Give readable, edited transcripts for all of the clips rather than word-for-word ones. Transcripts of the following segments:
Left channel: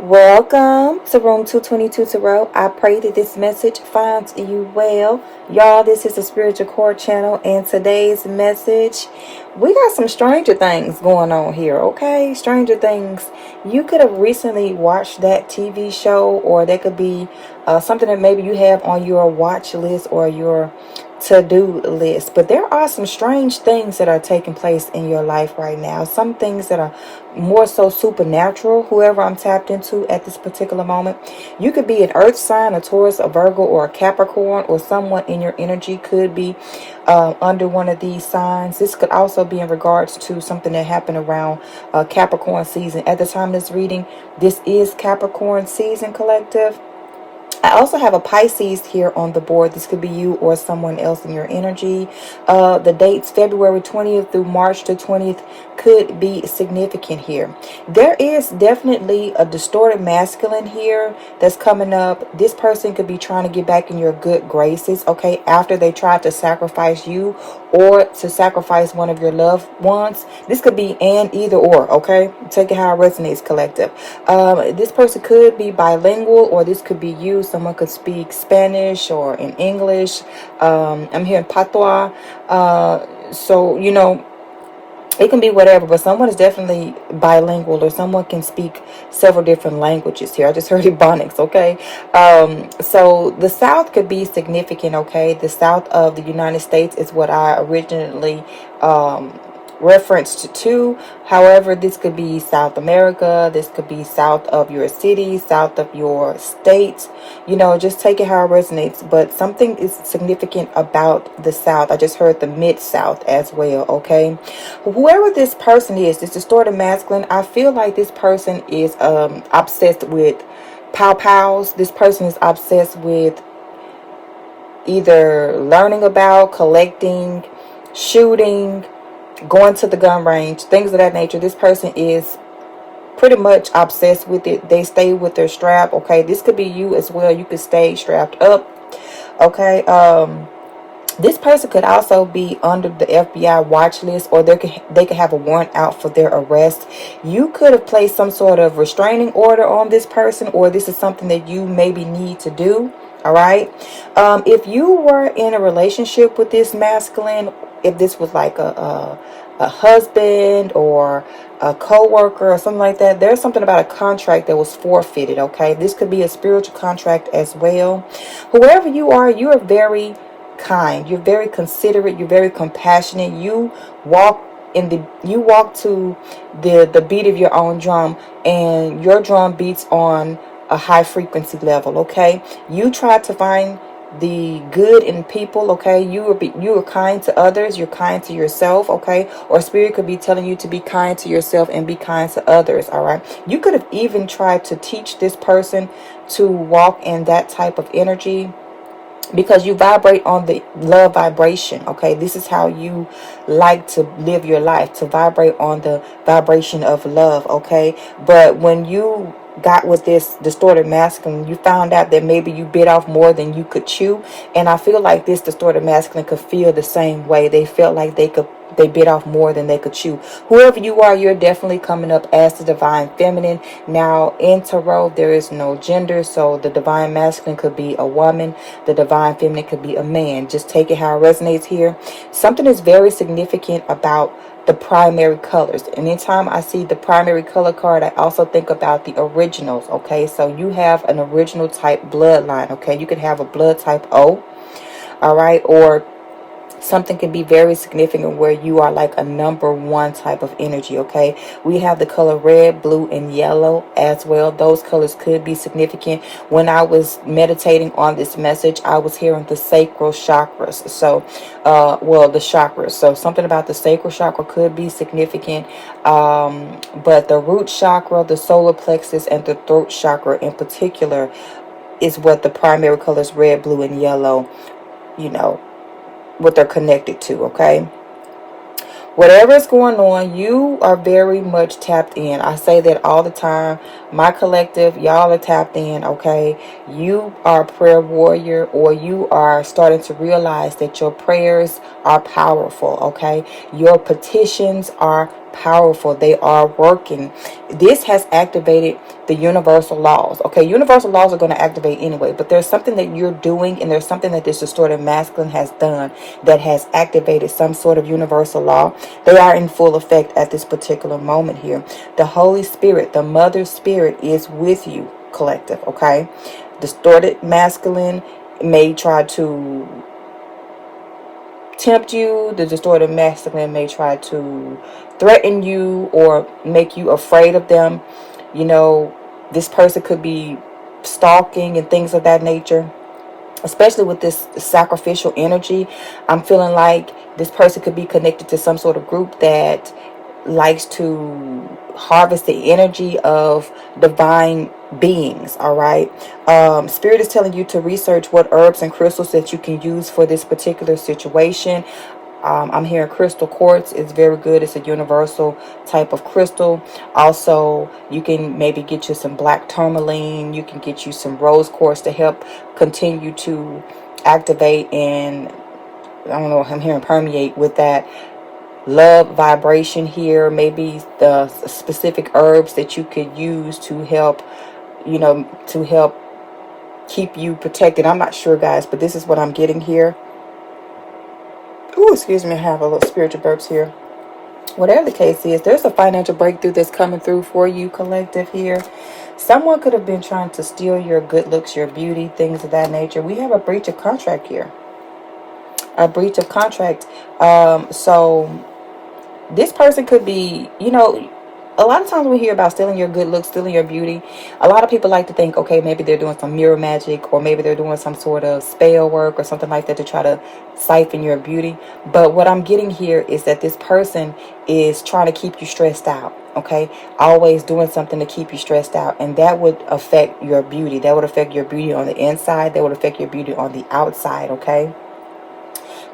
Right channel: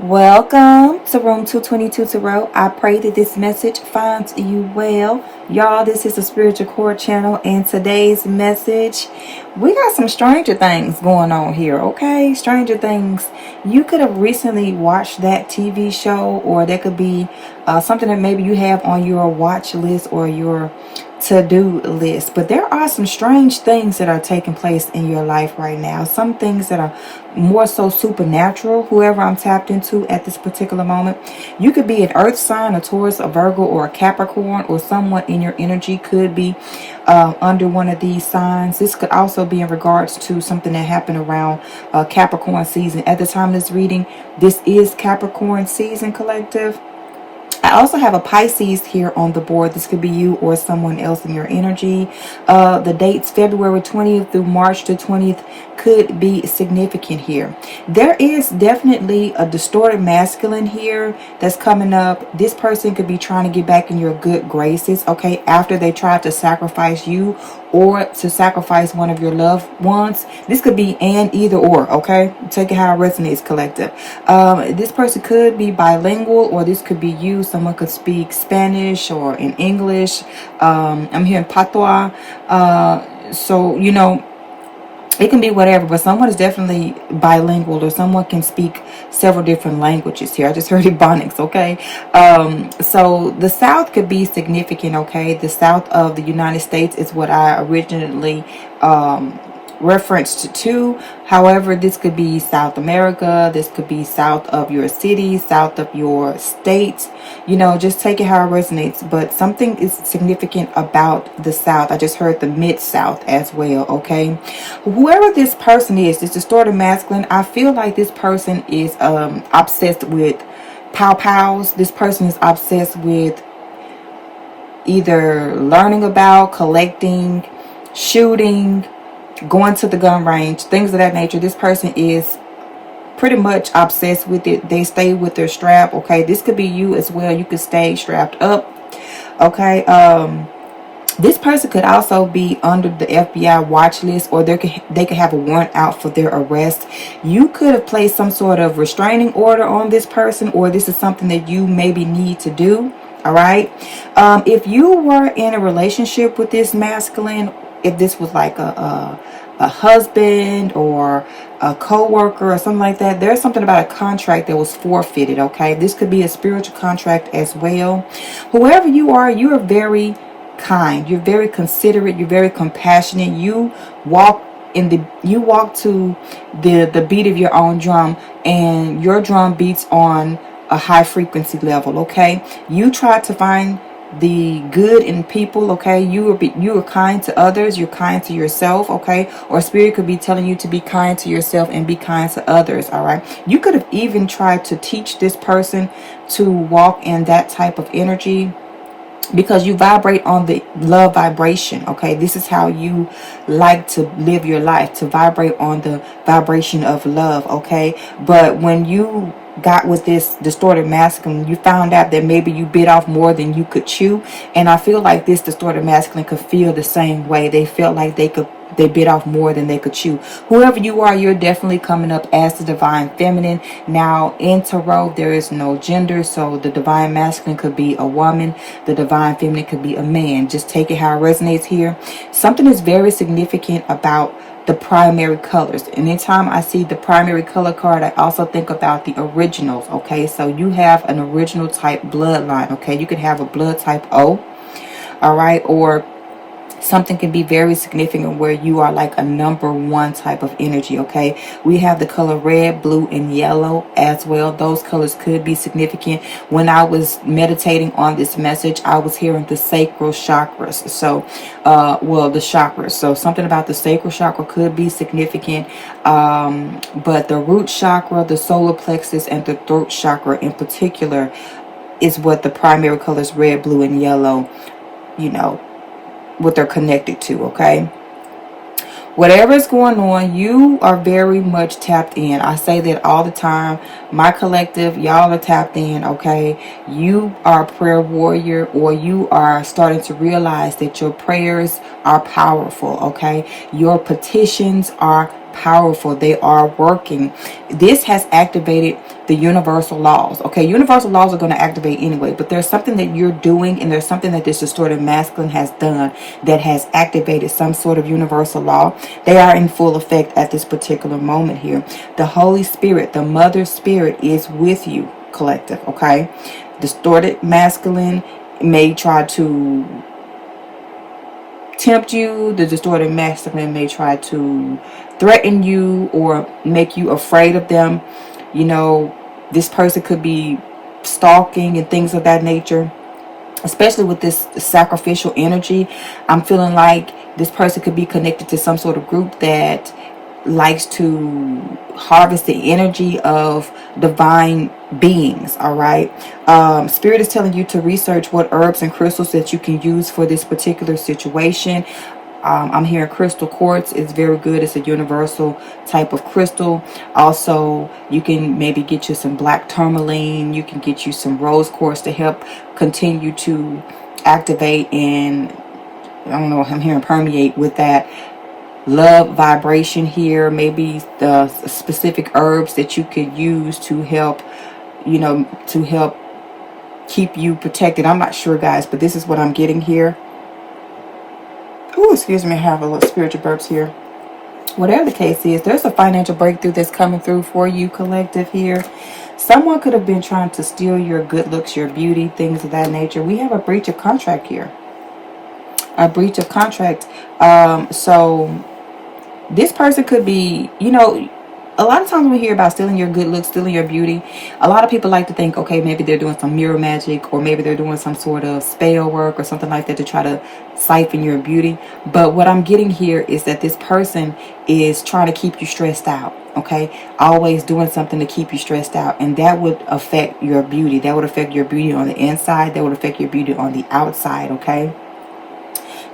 Welcome to Room 222 Tarot. I pray that this message finds you well. Y'all, this is the Spiritual Core channel, and today's message, we got some stranger things going on here, okay? Stranger things. You could have recently watched that TV show, or there could be something that maybe you have on your watch list or your to-do list, but there are some strange things that are taking place in your life right now. Some things that are more so supernatural, whoever I'm tapped into at this particular moment. You could be an earth sign, a Taurus, a Virgo, or a Capricorn, or someone in your energy could be under one of these signs. This could also be in regards to something that happened around Capricorn season. At the time of this reading, this is Capricorn season, collective. I also have a Pisces here on the board. This could be you or someone else in your energy. The dates February 20th through March the 20th could be significant here. There is definitely a distorted masculine here that's coming up. This person could be trying to get back in your good graces, okay, after they tried to sacrifice you or to sacrifice one of your loved ones. This could be and either or, okay? Take it how it resonates, collective. This person could be bilingual, or this could be you. Someone could speak Spanish or in English. I'm hearing patois. So, you know, it can be whatever, but someone is definitely bilingual, or someone can speak several different languages here. I just heard Ebonics, okay? So the South could be significant, okay? The South of the United States is what I originally referenced to. However, this could be South America, this could be south of your city, south of your state. You know, just take it how it resonates. But something is significant about the South. I just heard the Mid-South as well, okay? Whoever this person is, this distorted masculine, I feel like this person is obsessed with pow-pows. This person is obsessed with either learning about, collecting, shooting, going to the gun range, things of that nature. This person is pretty much obsessed with it. They stay with their strap, okay? This could be you as well. You could stay strapped up, okay? This person could also be under the FBI watch list, or they could have a warrant out for their arrest. You could have placed some sort of restraining order on this person, or this is something that you maybe need to do. All right. If you were in a relationship with this masculine, if this was like a husband or a co-worker or something like that, there's something about a contract that was forfeited, okay? This could be a spiritual contract as well. Whoever you are very kind. You're very considerate. You're very compassionate. You walk to the beat of your own drum, and your drum beats on a high frequency level, okay? You try to find the good in people, okay? You are kind to others, you're kind to yourself, okay? Or spirit could be telling you to be kind to yourself and be kind to others, all right? You could have even tried to teach this person to walk in that type of energy, because you vibrate on the love vibration, okay? This is how you like to live your life, to vibrate on the vibration of love, okay? But when you got with this distorted masculine, you found out that maybe you bit off more than you could chew. And I feel like this distorted masculine could feel the same way. They felt like they bit off more than they could chew. Whoever you are, you're definitely coming up as the divine feminine. Now, in tarot, there is no gender, so the divine masculine could be a woman, the divine feminine could be a man. Just take it how it resonates here. Something is very significant about the primary colors. Anytime I see the primary color card, I also think about the originals, okay? So you have an original type bloodline, okay? You could have a blood type O, all right? Or something can be very significant where you are like a number one type of energy, okay? We have the color red, blue, and yellow as well. Those colors could be significant. When I was meditating on this message, I was hearing the sacral chakras. So, the chakras. So something about the sacral chakra could be significant. But the root chakra, the solar plexus, and the throat chakra in particular is what the primary colors red, blue, and yellow, you know, what they're connected to, okay? Whatever is going on, you are very much tapped in. I say that all the time. My collective, y'all are tapped in, okay? You are a prayer warrior, or you are starting to realize that your prayers are powerful, okay? Your petitions are powerful. They are working. This has activated the universal laws. Okay, universal laws are going to activate anyway, but there's something that you're doing, and there's something that this distorted masculine has done that has activated some sort of universal law. They are in full effect at this particular moment here. The Holy Spirit, the Mother Spirit, is with you, collective. Okay, distorted masculine may try to tempt you. The distorted masculine may try to threaten you or make you afraid of them. You know, this person could be stalking and things of that nature, especially with this sacrificial energy. I'm feeling like this person could be connected to some sort of group that likes to harvest the energy of divine beings. All right, Spirit is telling you to research what herbs and crystals that you can use for this particular situation. I'm hearing crystal quartz is very good. It's a universal type of crystal. Also, you can maybe get you some black tourmaline. You can get you some rose quartz to help continue to activate and, I don't know, I'm hearing permeate with that love vibration here. Maybe the specific herbs that you could use to help, you know, to help keep you protected. I'm not sure, guys, but this is what I'm getting here. Oh, excuse me, I have a little spiritual burps here. Whatever the case is, there's a financial breakthrough that's coming through for you, collective, here. Someone could have been trying to steal your good looks, your beauty, things of that nature. We have a breach of contract here. A breach of contract. So this person could be, you know, a lot of times we hear about stealing your good looks, stealing your beauty. A lot of people like to think, okay, maybe they're doing some mirror magic, or maybe they're doing some sort of spell work or something like that to try to siphon your beauty. But what I'm getting here is that this person is trying to keep you stressed out. Okay, always doing something to keep you stressed out, and that would affect your beauty. That would affect your beauty on the inside. That would affect your beauty on the outside. Okay.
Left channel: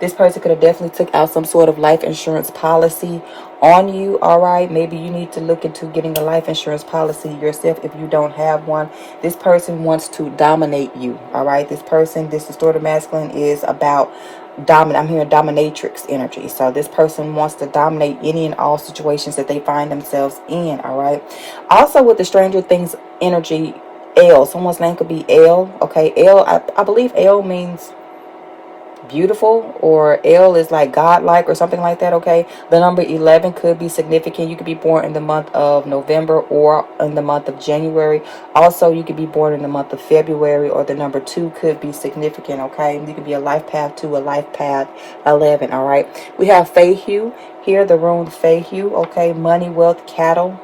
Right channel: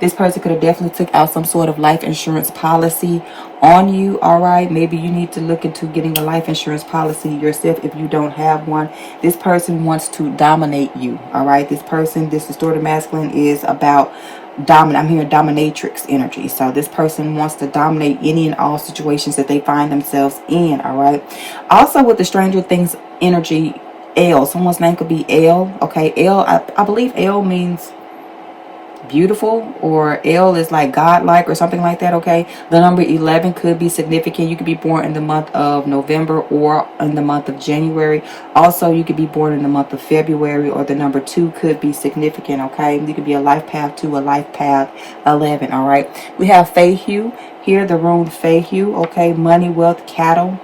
This person could have definitely took out some sort of life insurance policy on you. All right. Maybe you need to look into getting a life insurance policy yourself if you don't have one. This person wants to dominate you. All right. This person, this distorted masculine, is about dominant. I'm hearing dominatrix energy. So this person wants to dominate any and all situations that they find themselves in. All right. Also, with the Stranger Things energy, L. Someone's name could be L. Okay. L. I believe L means beautiful, or L is like godlike or something like that. Okay, the number 11 could be significant. You could be born in the month of November or in the month of January. Also, you could be born in the month of February, or the number 2 could be significant. Okay, you could be a life path 2, a life path 11. All right, we have Feihu here, the rune Feihu. Okay, money, wealth, cattle.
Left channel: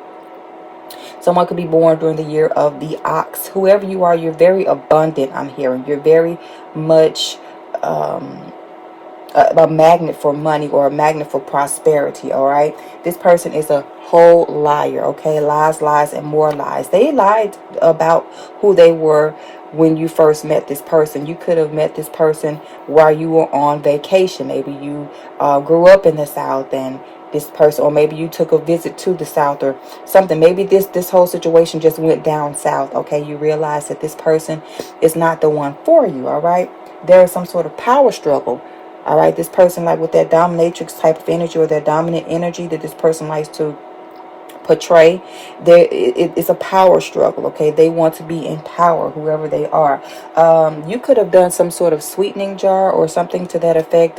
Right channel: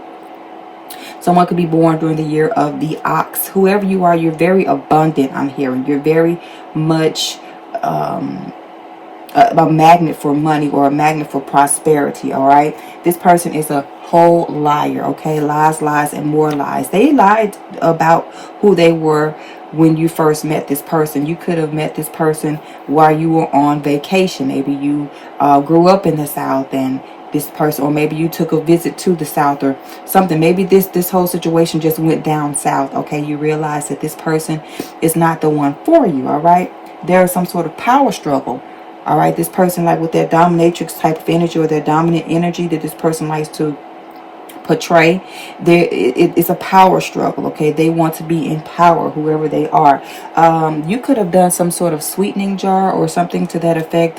Someone could be born during the year of the ox. Whoever you are, you're very abundant. I'm hearing you're very much a magnet for money, or a magnet for prosperity. All right, this person is a whole liar. Okay, lies, lies, and more lies. They lied about who they were when you first met this person. You could have met this person while you were on vacation. Maybe you grew up in the South, and this person, or maybe you took a visit to the South or something. Maybe this whole situation just went down south. Okay, you realize that this person is not the one for you. All right, there is some sort of power struggle. All right, this person, like with that dominatrix type of energy, or that dominant energy that this person likes to portray, it's a power struggle. Okay, they want to be in power, whoever they are. You could have done some sort of sweetening jar or something to that effect,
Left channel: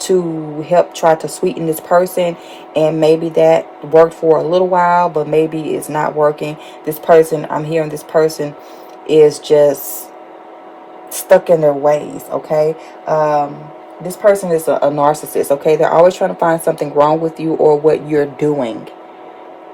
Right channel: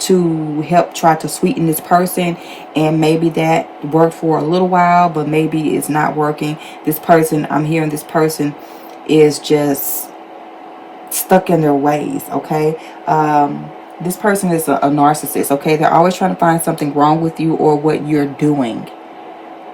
to help try to sweeten this person, and maybe that worked for a little while, but maybe it's not working. This person, I'm hearing this person is just stuck in their ways. Okay, this person is a narcissist. Okay, they're always trying to find something wrong with you or what you're doing.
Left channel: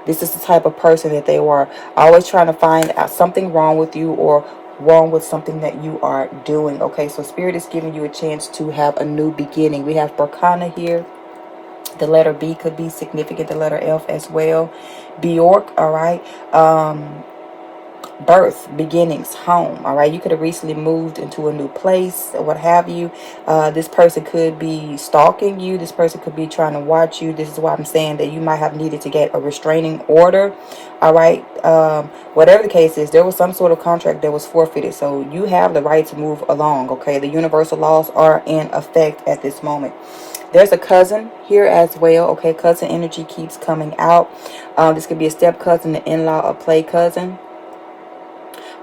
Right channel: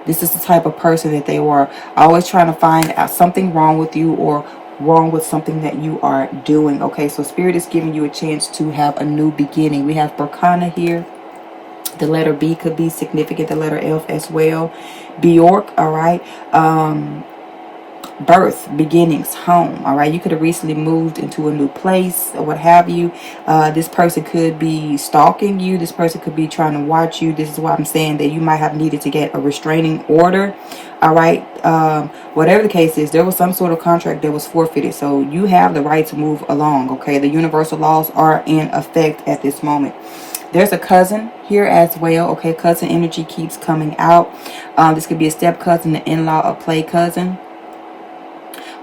This is the type of person that they were, always trying to find out something wrong with you or wrong with something that you are doing. Okay, so Spirit is giving you a chance to have a new beginning. We have Berkana here. The letter B could be significant. The letter F as well. Bjork, all right. Birth, beginnings, home. All right, you could have recently moved into a new place or what have you. This person could be stalking you. This person could be trying to watch you. This is why I'm saying that you might have needed to get a restraining order. All right, whatever the case is, there was some sort of contract that was forfeited, so you have the right to move along. Okay, the universal laws are in effect at this moment. There's a cousin here as well. Okay, cousin energy keeps coming out. This could be a step cousin, an in-law, a play cousin.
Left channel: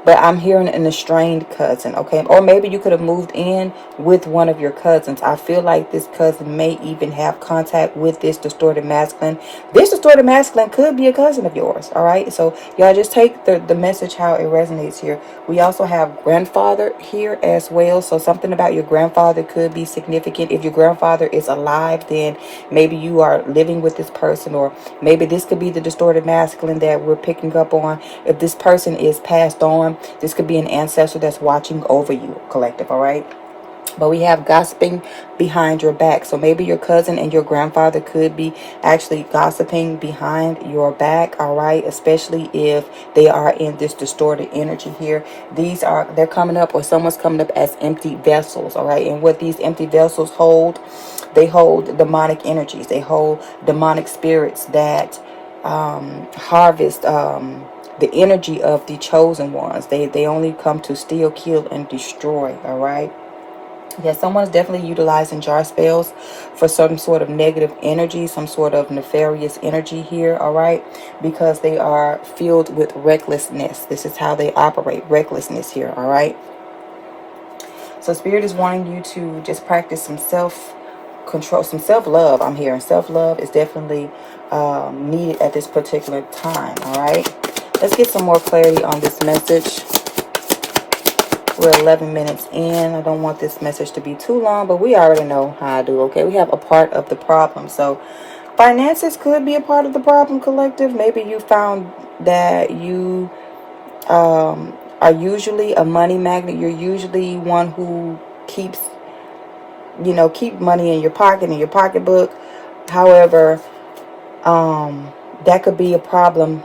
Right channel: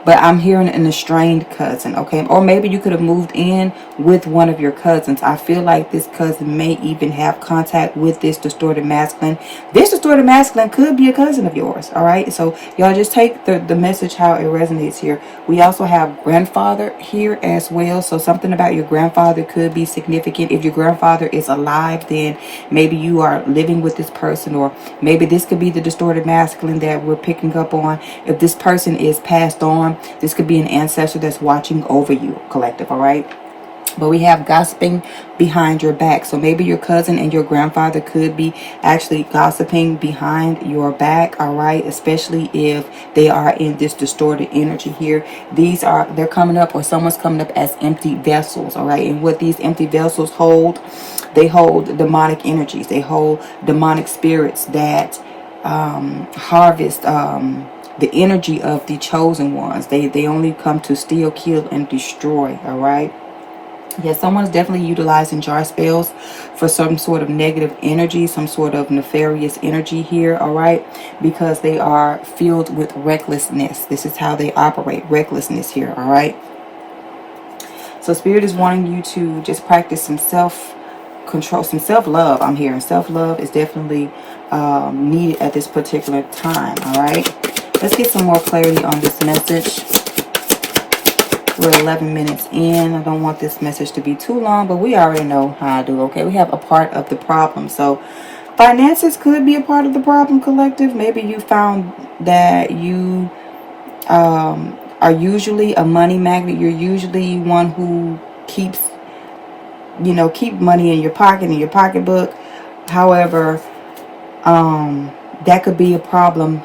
But I'm hearing an estranged cousin, okay? Or maybe you could have moved in with one of your cousins. I feel like this cousin may even have contact with this distorted masculine. This distorted masculine could be a cousin of yours, all right? So y'all just take the message how it resonates here. We also have grandfather here as well. So something about your grandfather could be significant. If your grandfather is alive, then maybe you are living with this person, or maybe this could be the distorted masculine that we're picking up on. If this person is passed on, this could be an ancestor that's watching over you, collective, all right? But we have gossiping behind your back. So maybe your cousin and your grandfather could be actually gossiping behind your back, all right? Especially if they are in this distorted energy here. They're coming up, or someone's coming up as empty vessels, all right? And what these empty vessels hold, they hold demonic energies. They hold demonic spirits that harvest the energy of the chosen ones. They only come to steal, kill, and destroy, all right? Yeah, someone's definitely utilizing jar spells for some sort of negative energy, some sort of nefarious energy here, all right? Because they are filled with recklessness. This is how they operate, recklessness here, all right? So Spirit is wanting you to just practice some self-control, some self-love. I'm hearing self-love is definitely needed at this particular time, all right? Let's get some more clarity on this message. We're 11 minutes in. I don't want this message to be too long, but we already know how I do, okay? We have a part of the problem. So finances could be a part of the problem, collective. Maybe you found that you are usually a money magnet. You're usually one who keeps, keep money in your pocket, in your pocketbook. However, that could be a problem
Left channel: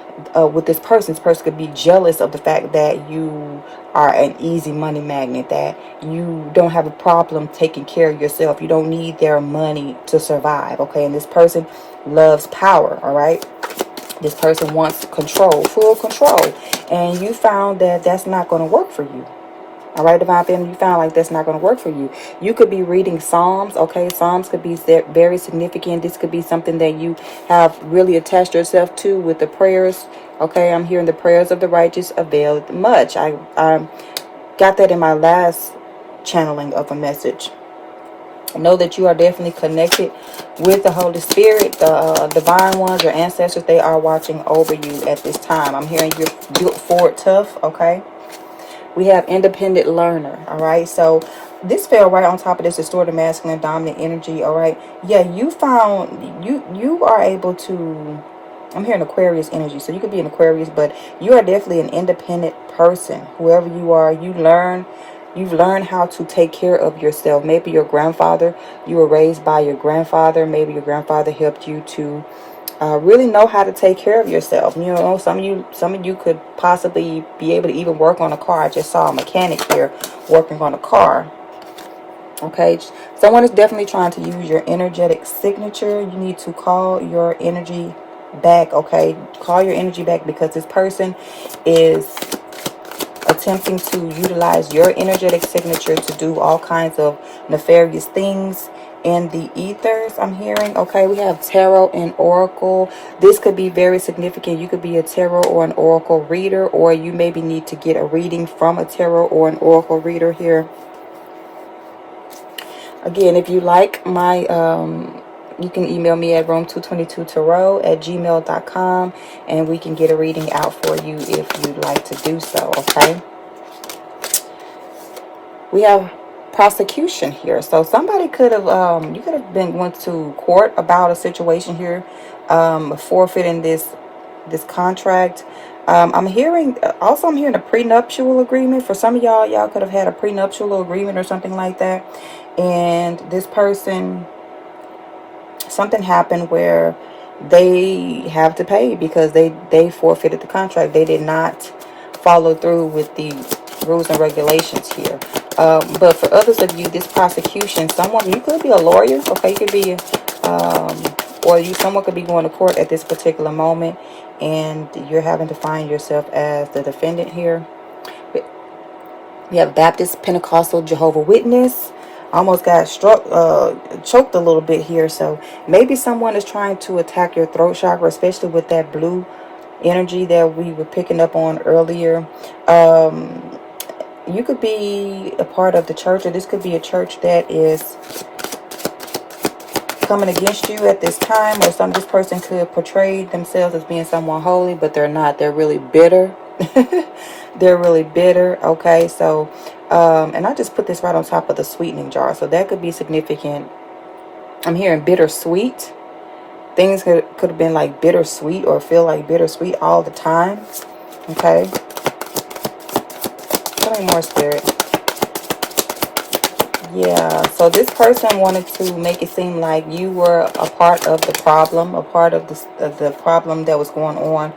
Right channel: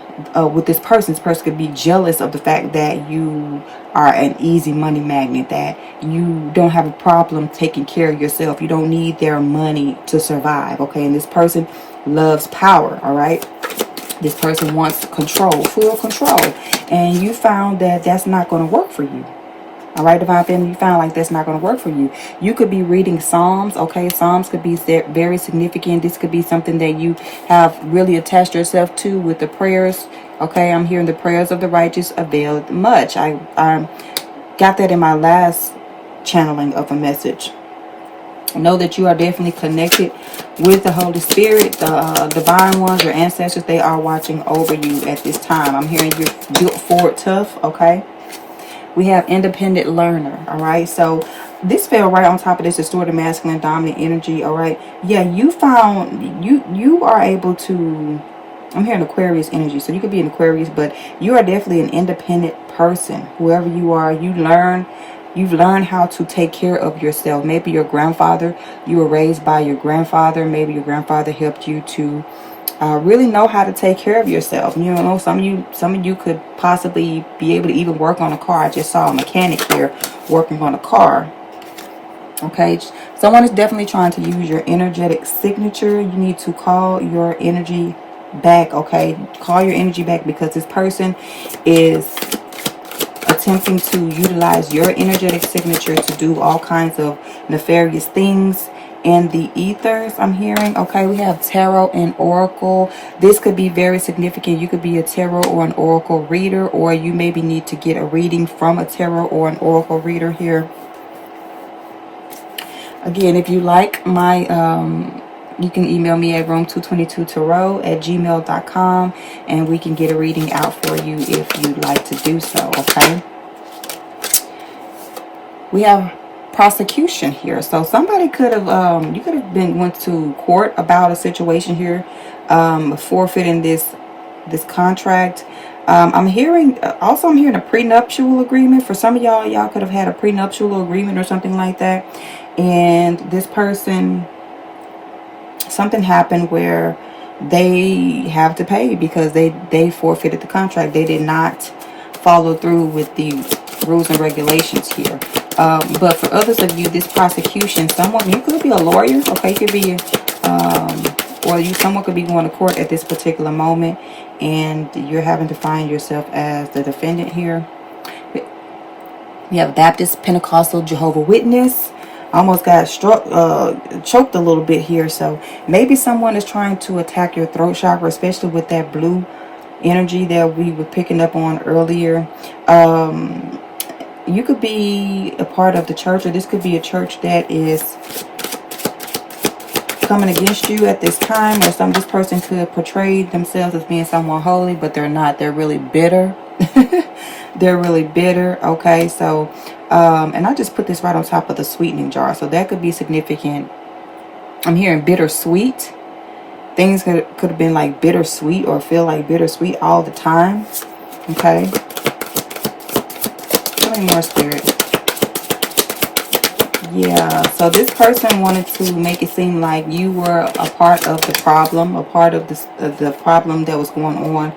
with this person. This person could be jealous of the fact that you are an easy money magnet, that you don't have a problem taking care of yourself. You don't need their money to survive, okay? And this person loves power, all right? This person wants control, full control. And you found that that's not going to work for you. All right, Divine Family, you found like that's not going to work for you. You could be reading Psalms, okay? Psalms could be very significant. This could be something that you have really attached yourself to with the prayers, okay? I'm hearing the prayers of the righteous avail much. I got that in my last channeling of a message. Know that you are definitely connected with the Holy Spirit, the divine ones, your ancestors. They are watching over you at this time. I'm hearing you're built for it tough, okay? We have independent learner, all right? So this fell right on top of this distorted masculine dominant energy, all right? Yeah, you found, you are able to, I'm hearing Aquarius energy, so you could be an Aquarius, but you are definitely an independent person. Whoever you are, you've learned how to take care of yourself. Maybe your grandfather, you were raised by your grandfather. Maybe your grandfather helped you to really know how to take care of yourself. You know, some of you could possibly be able to even work on a car. I just saw a mechanic here working on a car. Okay, someone is definitely trying to use your energetic signature. You need to call your energy back, okay? Call your energy back, because this person is attempting to utilize your energetic signature to do all kinds of nefarious things in the ethers. I'm hearing, okay, we have tarot and oracle. This could be very significant. You could be a tarot or an oracle reader, or you maybe need to get a reading from a tarot or an oracle reader here. Again, if you like my you can email me at room222tarot@gmail.com, and we can get a reading out for you if you'd like to do so, okay? We have prosecution here. So somebody could have, you could have went to court about a situation here, forfeiting this contract. I'm hearing a prenuptial agreement. For some of y'all could have had a prenuptial agreement or something like that. And this person, something happened where they have to pay because they forfeited the contract. They did not follow through with the rules and regulations here. But for others of you, this prosecution, you could be a lawyer, okay? You could be, someone could be going to court at this particular moment, and you're having to find yourself as the defendant here. We have Baptist, Pentecostal, Jehovah's Witness. almost got struck, choked a little bit here. So maybe someone is trying to attack your throat chakra, especially with that blue energy that we were picking up on earlier. You could be a part of the church, or this could be a church that is coming against you at this time, or this person could portray themselves as being someone holy, but they're not. They're really bitter. They're really bitter. Okay, so and I just put this right on top of the sweetening jar, so that could be significant. I'm hearing bittersweet. Things could have been like bittersweet, or feel like bittersweet all the time. Okay, tell me more, Spirit. Yeah, so this person wanted to make it seem like you were a part of the problem, a part of the problem that was going on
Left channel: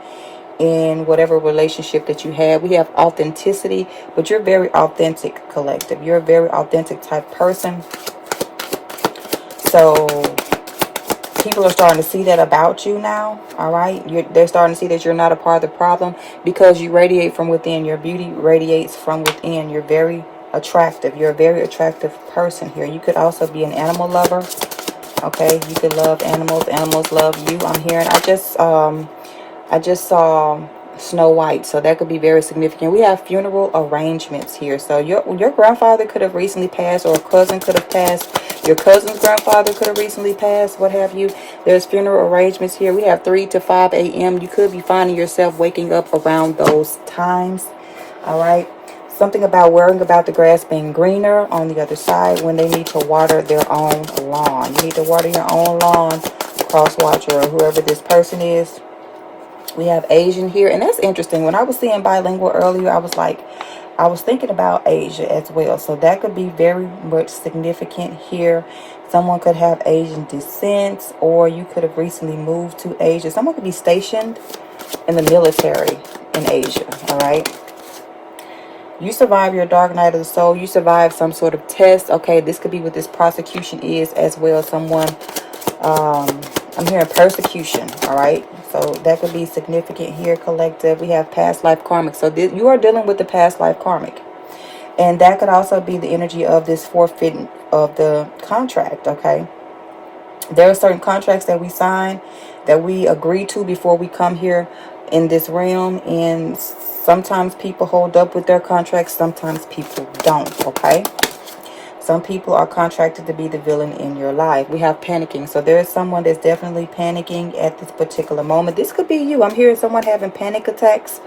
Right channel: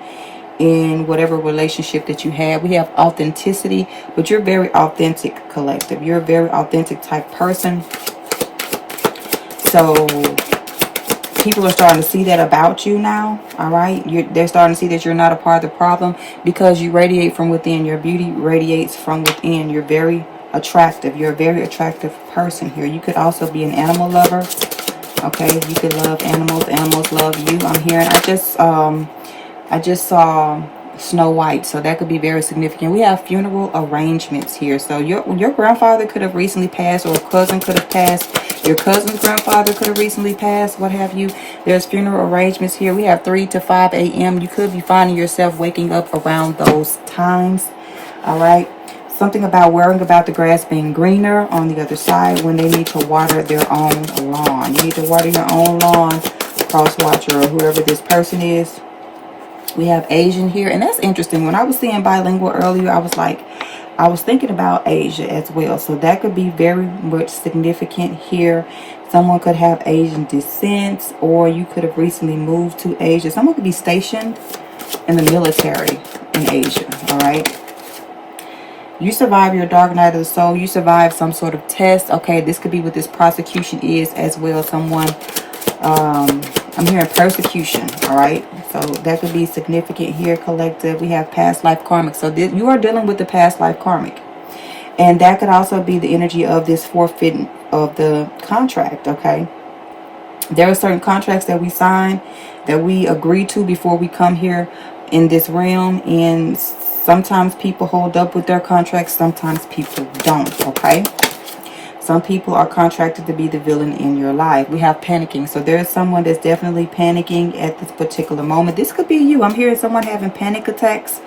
in whatever relationship that you have. We have authenticity, but you're very authentic, collective. You're a very authentic type person. So people are starting to see that about you now. All right, they're starting to see that you're not a part of the problem, because you radiate from within. Your beauty radiates from within. You're very attractive. You're a very attractive person here. You could also be an animal lover. Okay, you could love animals. Animals love you. I'm hearing. I just saw Snow White, so that could be very significant. We have funeral arrangements here. So your grandfather could have recently passed, or a cousin could have passed. Your cousin's grandfather could have recently passed, what have you. There's funeral arrangements here. We have 3 to 5 a.m. You could be finding yourself waking up around those times. All right. Something about worrying about the grass being greener on the other side when they need to water their own lawn. You need to water your own lawn, cross watcher, or whoever this person is. We have Asian here, and that's interesting. When I was seeing bilingual earlier, I was thinking about Asia as well. So that could be very much significant here. Someone could have Asian descent, or you could have recently moved to Asia. Someone could be stationed in the military in Asia, all right? You survive your dark night of the soul. You survive some sort of test. Okay, this could be what this prosecution is as well. Someone, I'm hearing persecution, all right? So that could be significant here, collective. We have past life karmic. So you are dealing with the past life karmic. And that could also be the energy of this forfeiting of the contract, okay? There are certain contracts that we sign, that we agree to before we come here in this realm. And sometimes people hold up with their contracts. Sometimes people don't, okay? Some people are contracted to be the villain in your life. We have panicking. So there's someone that's definitely panicking at this particular moment. This could be you. I'm hearing someone having panic attacks.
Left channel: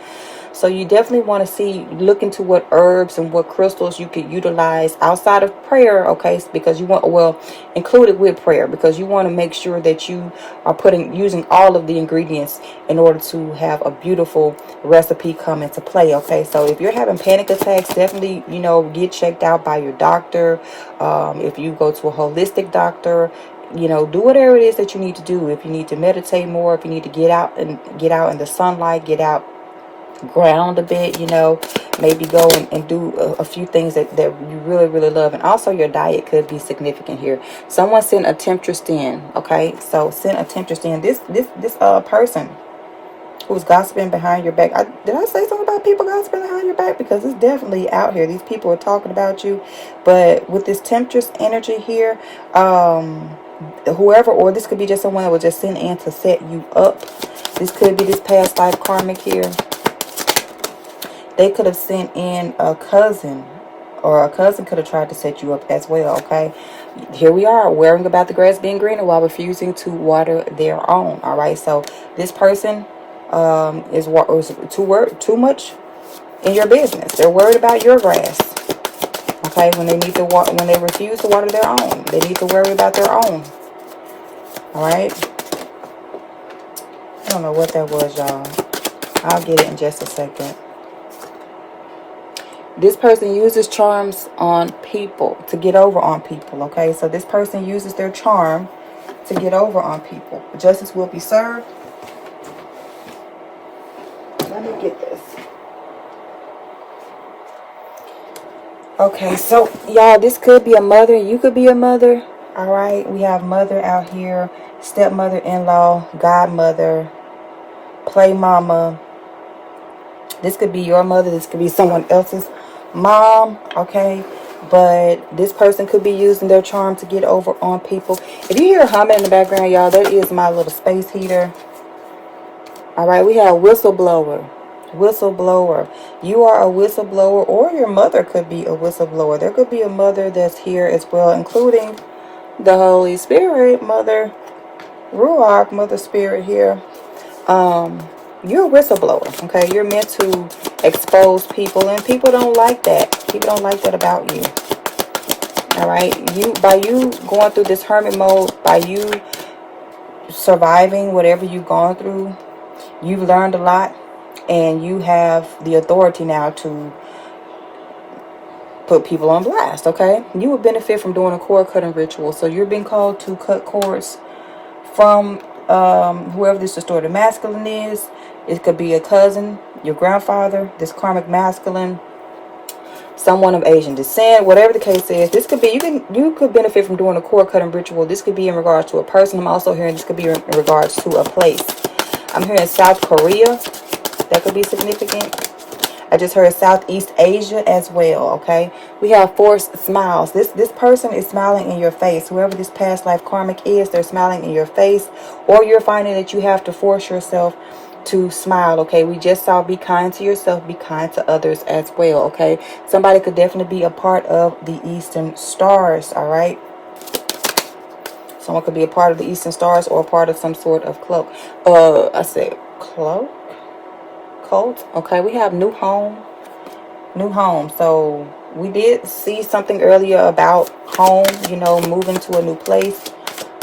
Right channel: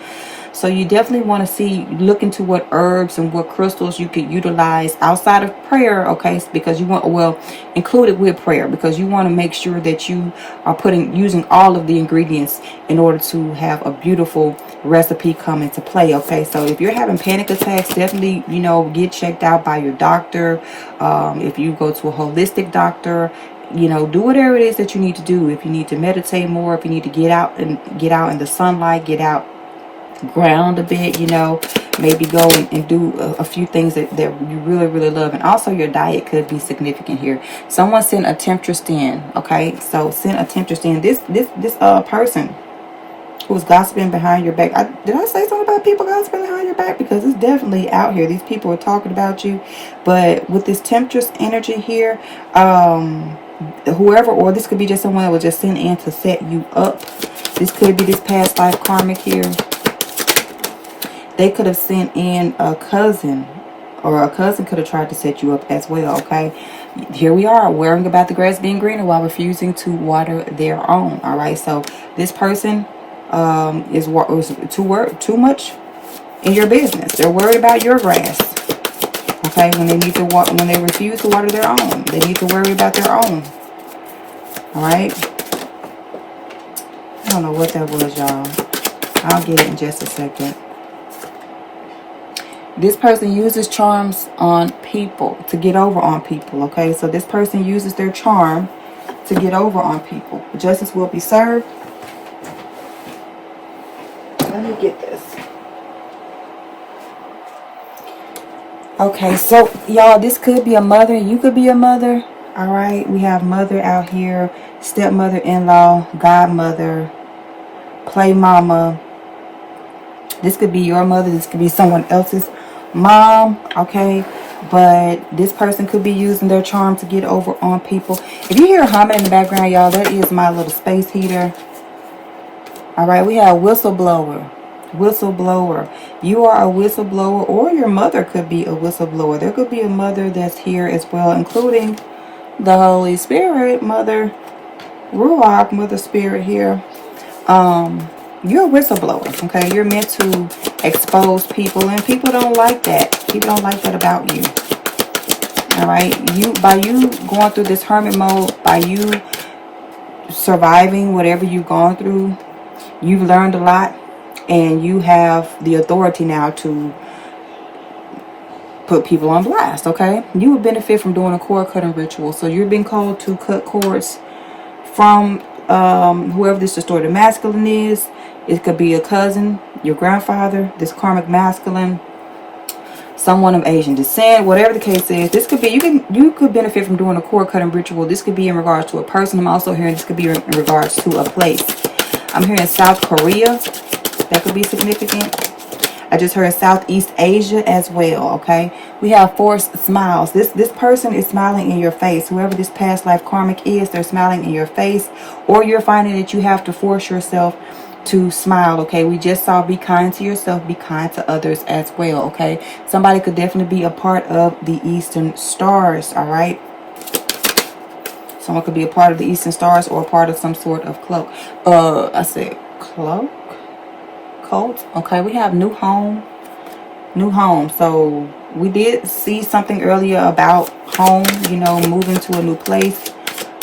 So you definitely want to look into what herbs and what crystals you could utilize outside of prayer, okay? Because you want, well, included with prayer, because you want to make sure that you are using all of the ingredients in order to have a beautiful recipe come into play, okay? So if you're having panic attacks, definitely, get checked out by your doctor. If you go to a holistic doctor, do whatever it is that you need to do. If you need to meditate more, if you need to get out in the sunlight, get out, ground a bit, maybe go and do a few things that you really, really love. And also your diet could be significant here. Someone sent a temptress in, okay? So send a temptress in. This person who's gossiping behind your back. Did I say something about people gossiping behind your back? Because it's definitely out here. These people are talking about you. But with this temptress energy here, whoever, or this could be just someone that was just sent in to set you up. This could be this past life karmic here. They could have sent in a cousin, or a cousin could have tried to set you up as well, okay? Here we are, worrying about the grass being greener while refusing to water their own, all right? So this person is too much in your business. They're worried about your grass, okay? When they need to when they refuse to water their own, they need to worry about their own, all right? I don't know what that was, y'all. I'll get it in just a second. This person uses charms on people, to get over on people, okay? So this person uses their charm to get over on people. Justice will be served. Let me get this. Okay, so y'all, this could be a mother. You could be a mother, all right? We have mother out here, stepmother-in-law, godmother, play mama. This could be your mother. This could be someone else's mom, okay? But this person could be using their charm to get over on people. If you hear humming in the background, y'all, that is my little space heater. All right, we have whistleblower. Whistleblower. You are a whistleblower, or your mother could be a whistleblower. There could be a mother that's here as well, including the Holy Spirit, Mother Ruach, Mother Spirit here. You're a whistleblower, okay? You're meant to expose people, and people don't like that. People don't like that about you. All right, by you going through this hermit mode, by you surviving whatever you've gone through, you've learned a lot, and you have the authority now to put people on blast, okay? You would benefit from doing a cord cutting ritual. So you're being called to cut cords from whoever this distorted masculine is. It could be a cousin, your grandfather, this karmic masculine, someone of Asian descent, whatever the case is. This could be, you could benefit from doing a cord cutting ritual. This could be in regards to a person. I'm also hearing this could be in regards to a place. I'm hearing South Korea. That could be significant. I just heard Southeast Asia as well, okay? We have forced smiles. This person is smiling in your face. Whoever this past life karmic is, they're smiling in your face. Or you're finding that you have to force yourself to smile, okay? We just saw be kind to yourself, be kind to others as well, okay? Somebody could definitely be a part of the Eastern Stars, all right? Someone could be a part of the Eastern Stars or a part of some sort of cloak. I said cloak? Cult. Okay, we have new home. New home. So we did see something earlier about home, you know, moving to a new place.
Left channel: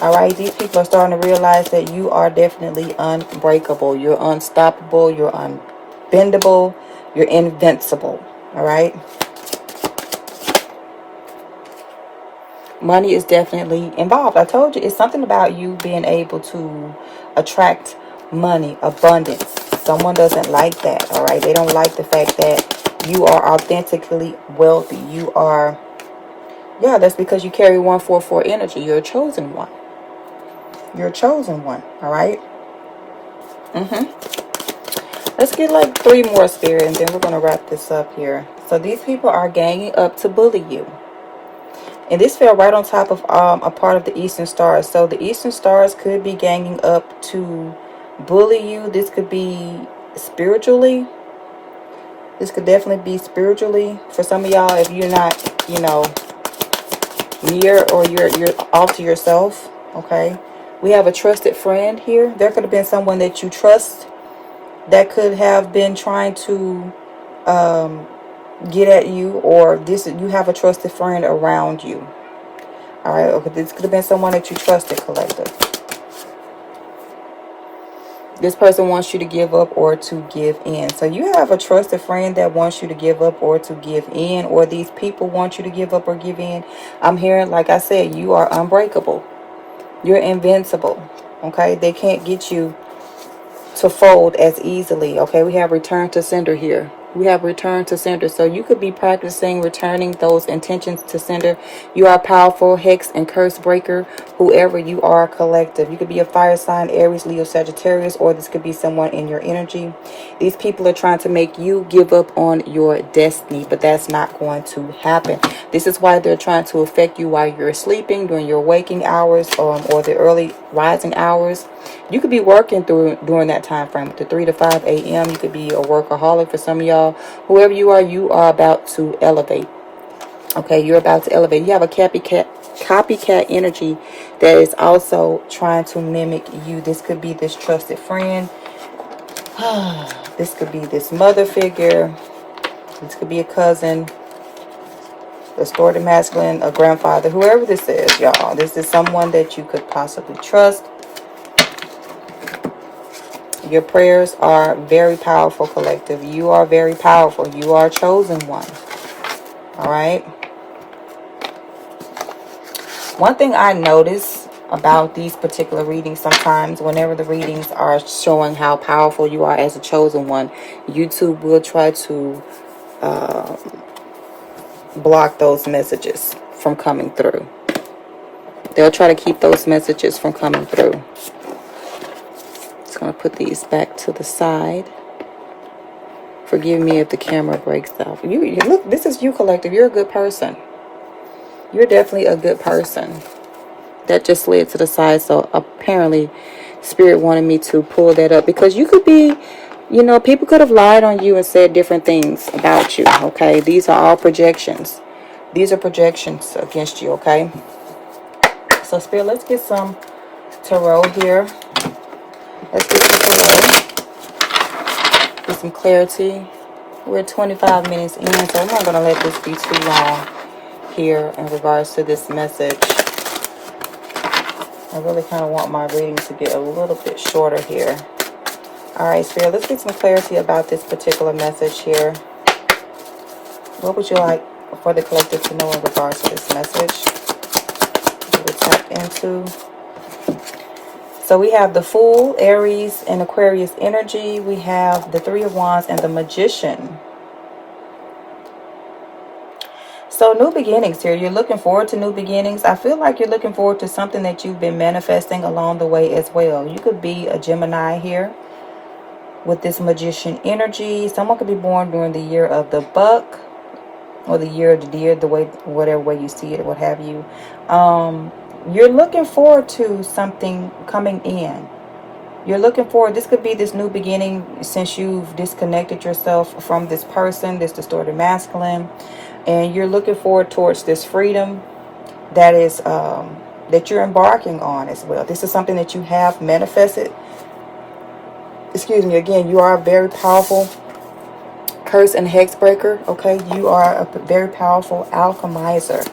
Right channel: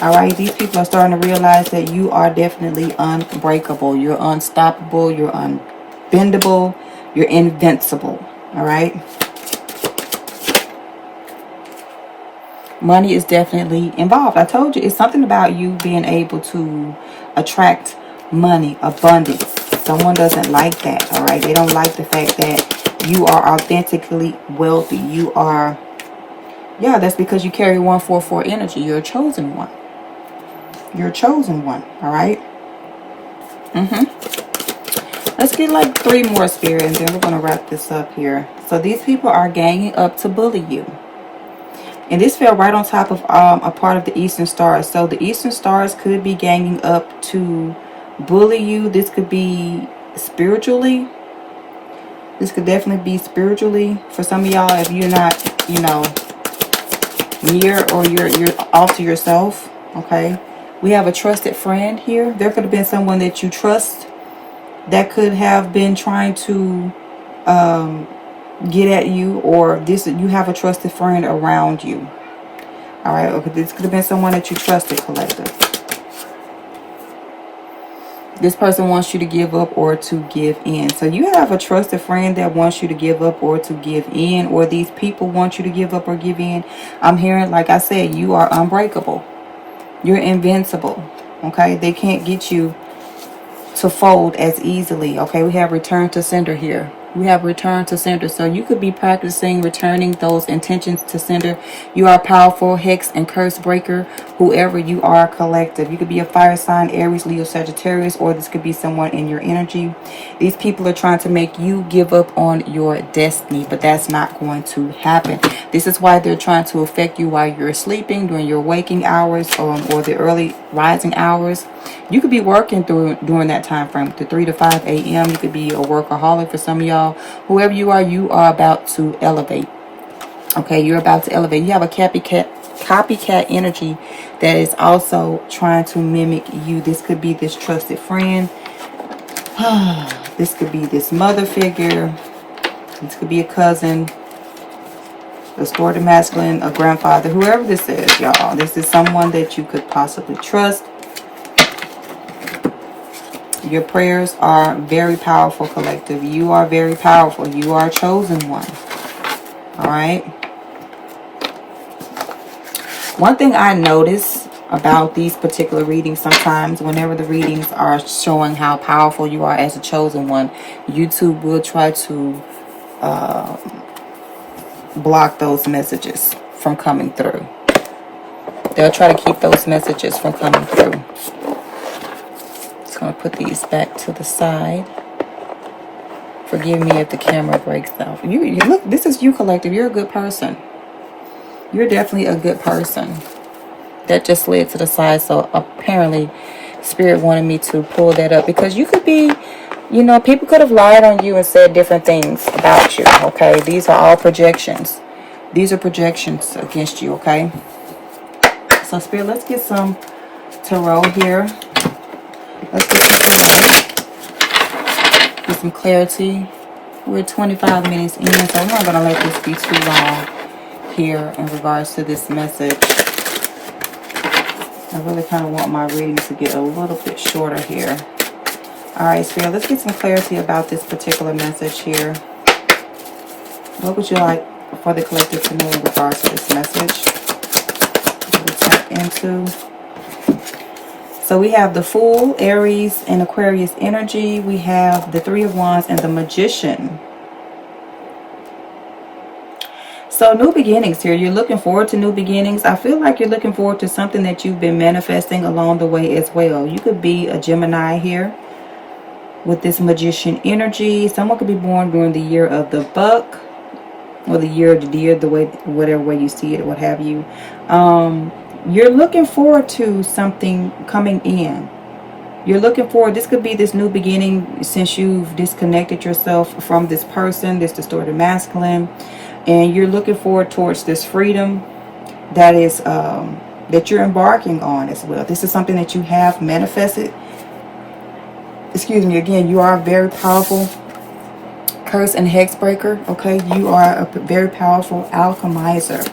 All right, these people are starting to realize that you are definitely unbreakable. You're unstoppable. You're unbendable. You're invincible. All right. Money is definitely involved. I told you, it's something about you being able to attract money, abundance. Someone doesn't like that, all right? They don't like the fact that you are authentically wealthy. You are, yeah, that's because you carry 144 energy. You're a chosen one. You're a chosen one, all right? Let's get like 3 more, Spirit, and then we're going to wrap this up here. So these people are ganging up to bully you. And this fell right on top of a part of the Eastern Stars. So the Eastern Stars could be ganging up to bully you. This could be spiritually. This could definitely be spiritually. For some of y'all, if you're not, you know, near or you're off to yourself, okay? We have a trusted friend here. There could have been someone that you trust that could have been trying to get at you, or this, you have a trusted friend around you. All right, okay, this could have been someone that you trusted, collective. This person wants you to give up or to give in. So you have a trusted friend that wants you to give up or to give in, or these people want you to give up or give in. I'm hearing, like I said, you are unbreakable. You're invincible. Okay, they can't get you to fold as easily. Okay, we have return to sender here. We have return to sender. So you could be practicing returning those intentions to sender. You are powerful, hex and curse breaker, whoever you are, collective. You could be a fire sign, Aries, Leo, Sagittarius, or this could be someone in your energy. These people are trying to make you give up on your destiny, but that's not going to happen. This is why they're trying to affect you while you're sleeping, during your waking hours, or the early rising hours. You could be working during that time frame, the 3 to 5 a.m. You could be a workaholic for some of y'all. Whoever you are about to elevate. Okay, you're about to elevate. You have a copycat energy that is also trying to mimic you. This could be this trusted friend. This could be this mother figure. This could be a cousin, a distorted masculine, a grandfather, whoever this is, y'all. This is someone that you could possibly trust. Your prayers are very powerful, collective. You are very powerful. You are a chosen one. All right. One thing I notice about these particular readings, sometimes whenever the readings are showing how powerful you are as a chosen one, YouTube will try to block those messages from coming through. They'll try to keep those messages from coming through. Just going to put these back to the side. Forgive me if the camera breaks off. You look, this is you, collective. You're a good person. You're definitely a good person. That just slid to the side, so apparently Spirit wanted me to pull that up, because you could be, you know, people could have lied on you and said different things about you, okay? These are all projections. These are projections against you, okay? So Spirit, let's get some tarot here. Let's get some clarity. We're 25 minutes in, so I'm not going to let this be too long here in regards to this message. I really kind of want my reading to get a little bit shorter here. Alright, Spirit, let's get some clarity about this particular message here. What would you like for the collective to know in regards to this message? We'll tap into. So we have the Fool, Aries, and Aquarius energy. We have the Three of Wands and the Magician. So new beginnings here. You're looking forward to new beginnings. I feel like you're looking forward to something that you've been manifesting along the way as well. You could be a Gemini here with this Magician energy. Someone could be born during the year of the buck, or the year of the deer, the way, whatever way you see it, what have you. You're looking forward to something coming in. You're looking forward. This could be this new beginning since you've disconnected yourself from this person, this distorted masculine. And you're looking forward towards this freedom that is that you're embarking on as well. This is something that you have manifested. Excuse me, again, you are a very powerful curse and hex breaker, okay? You are a very powerful alchemizer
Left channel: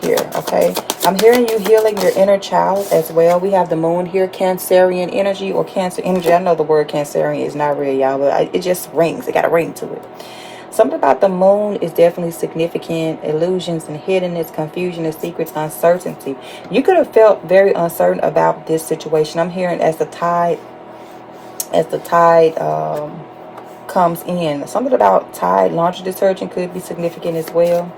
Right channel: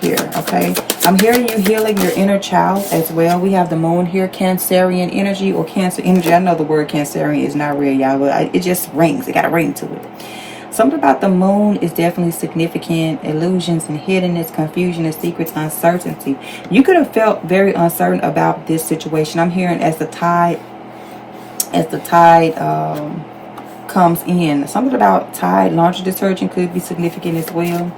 here, okay? I'm hearing you healing your inner child as well. We have the moon here, Cancerian energy or Cancer energy. I know the word Cancerian is not real, y'all, but it just rings. It got a ring to it. Something about the moon is definitely significant. Illusions and hiddenness, confusion and secrets, uncertainty. You could have felt very uncertain about this situation. I'm hearing as the tide comes in. Something about Tide laundry detergent could be significant as well.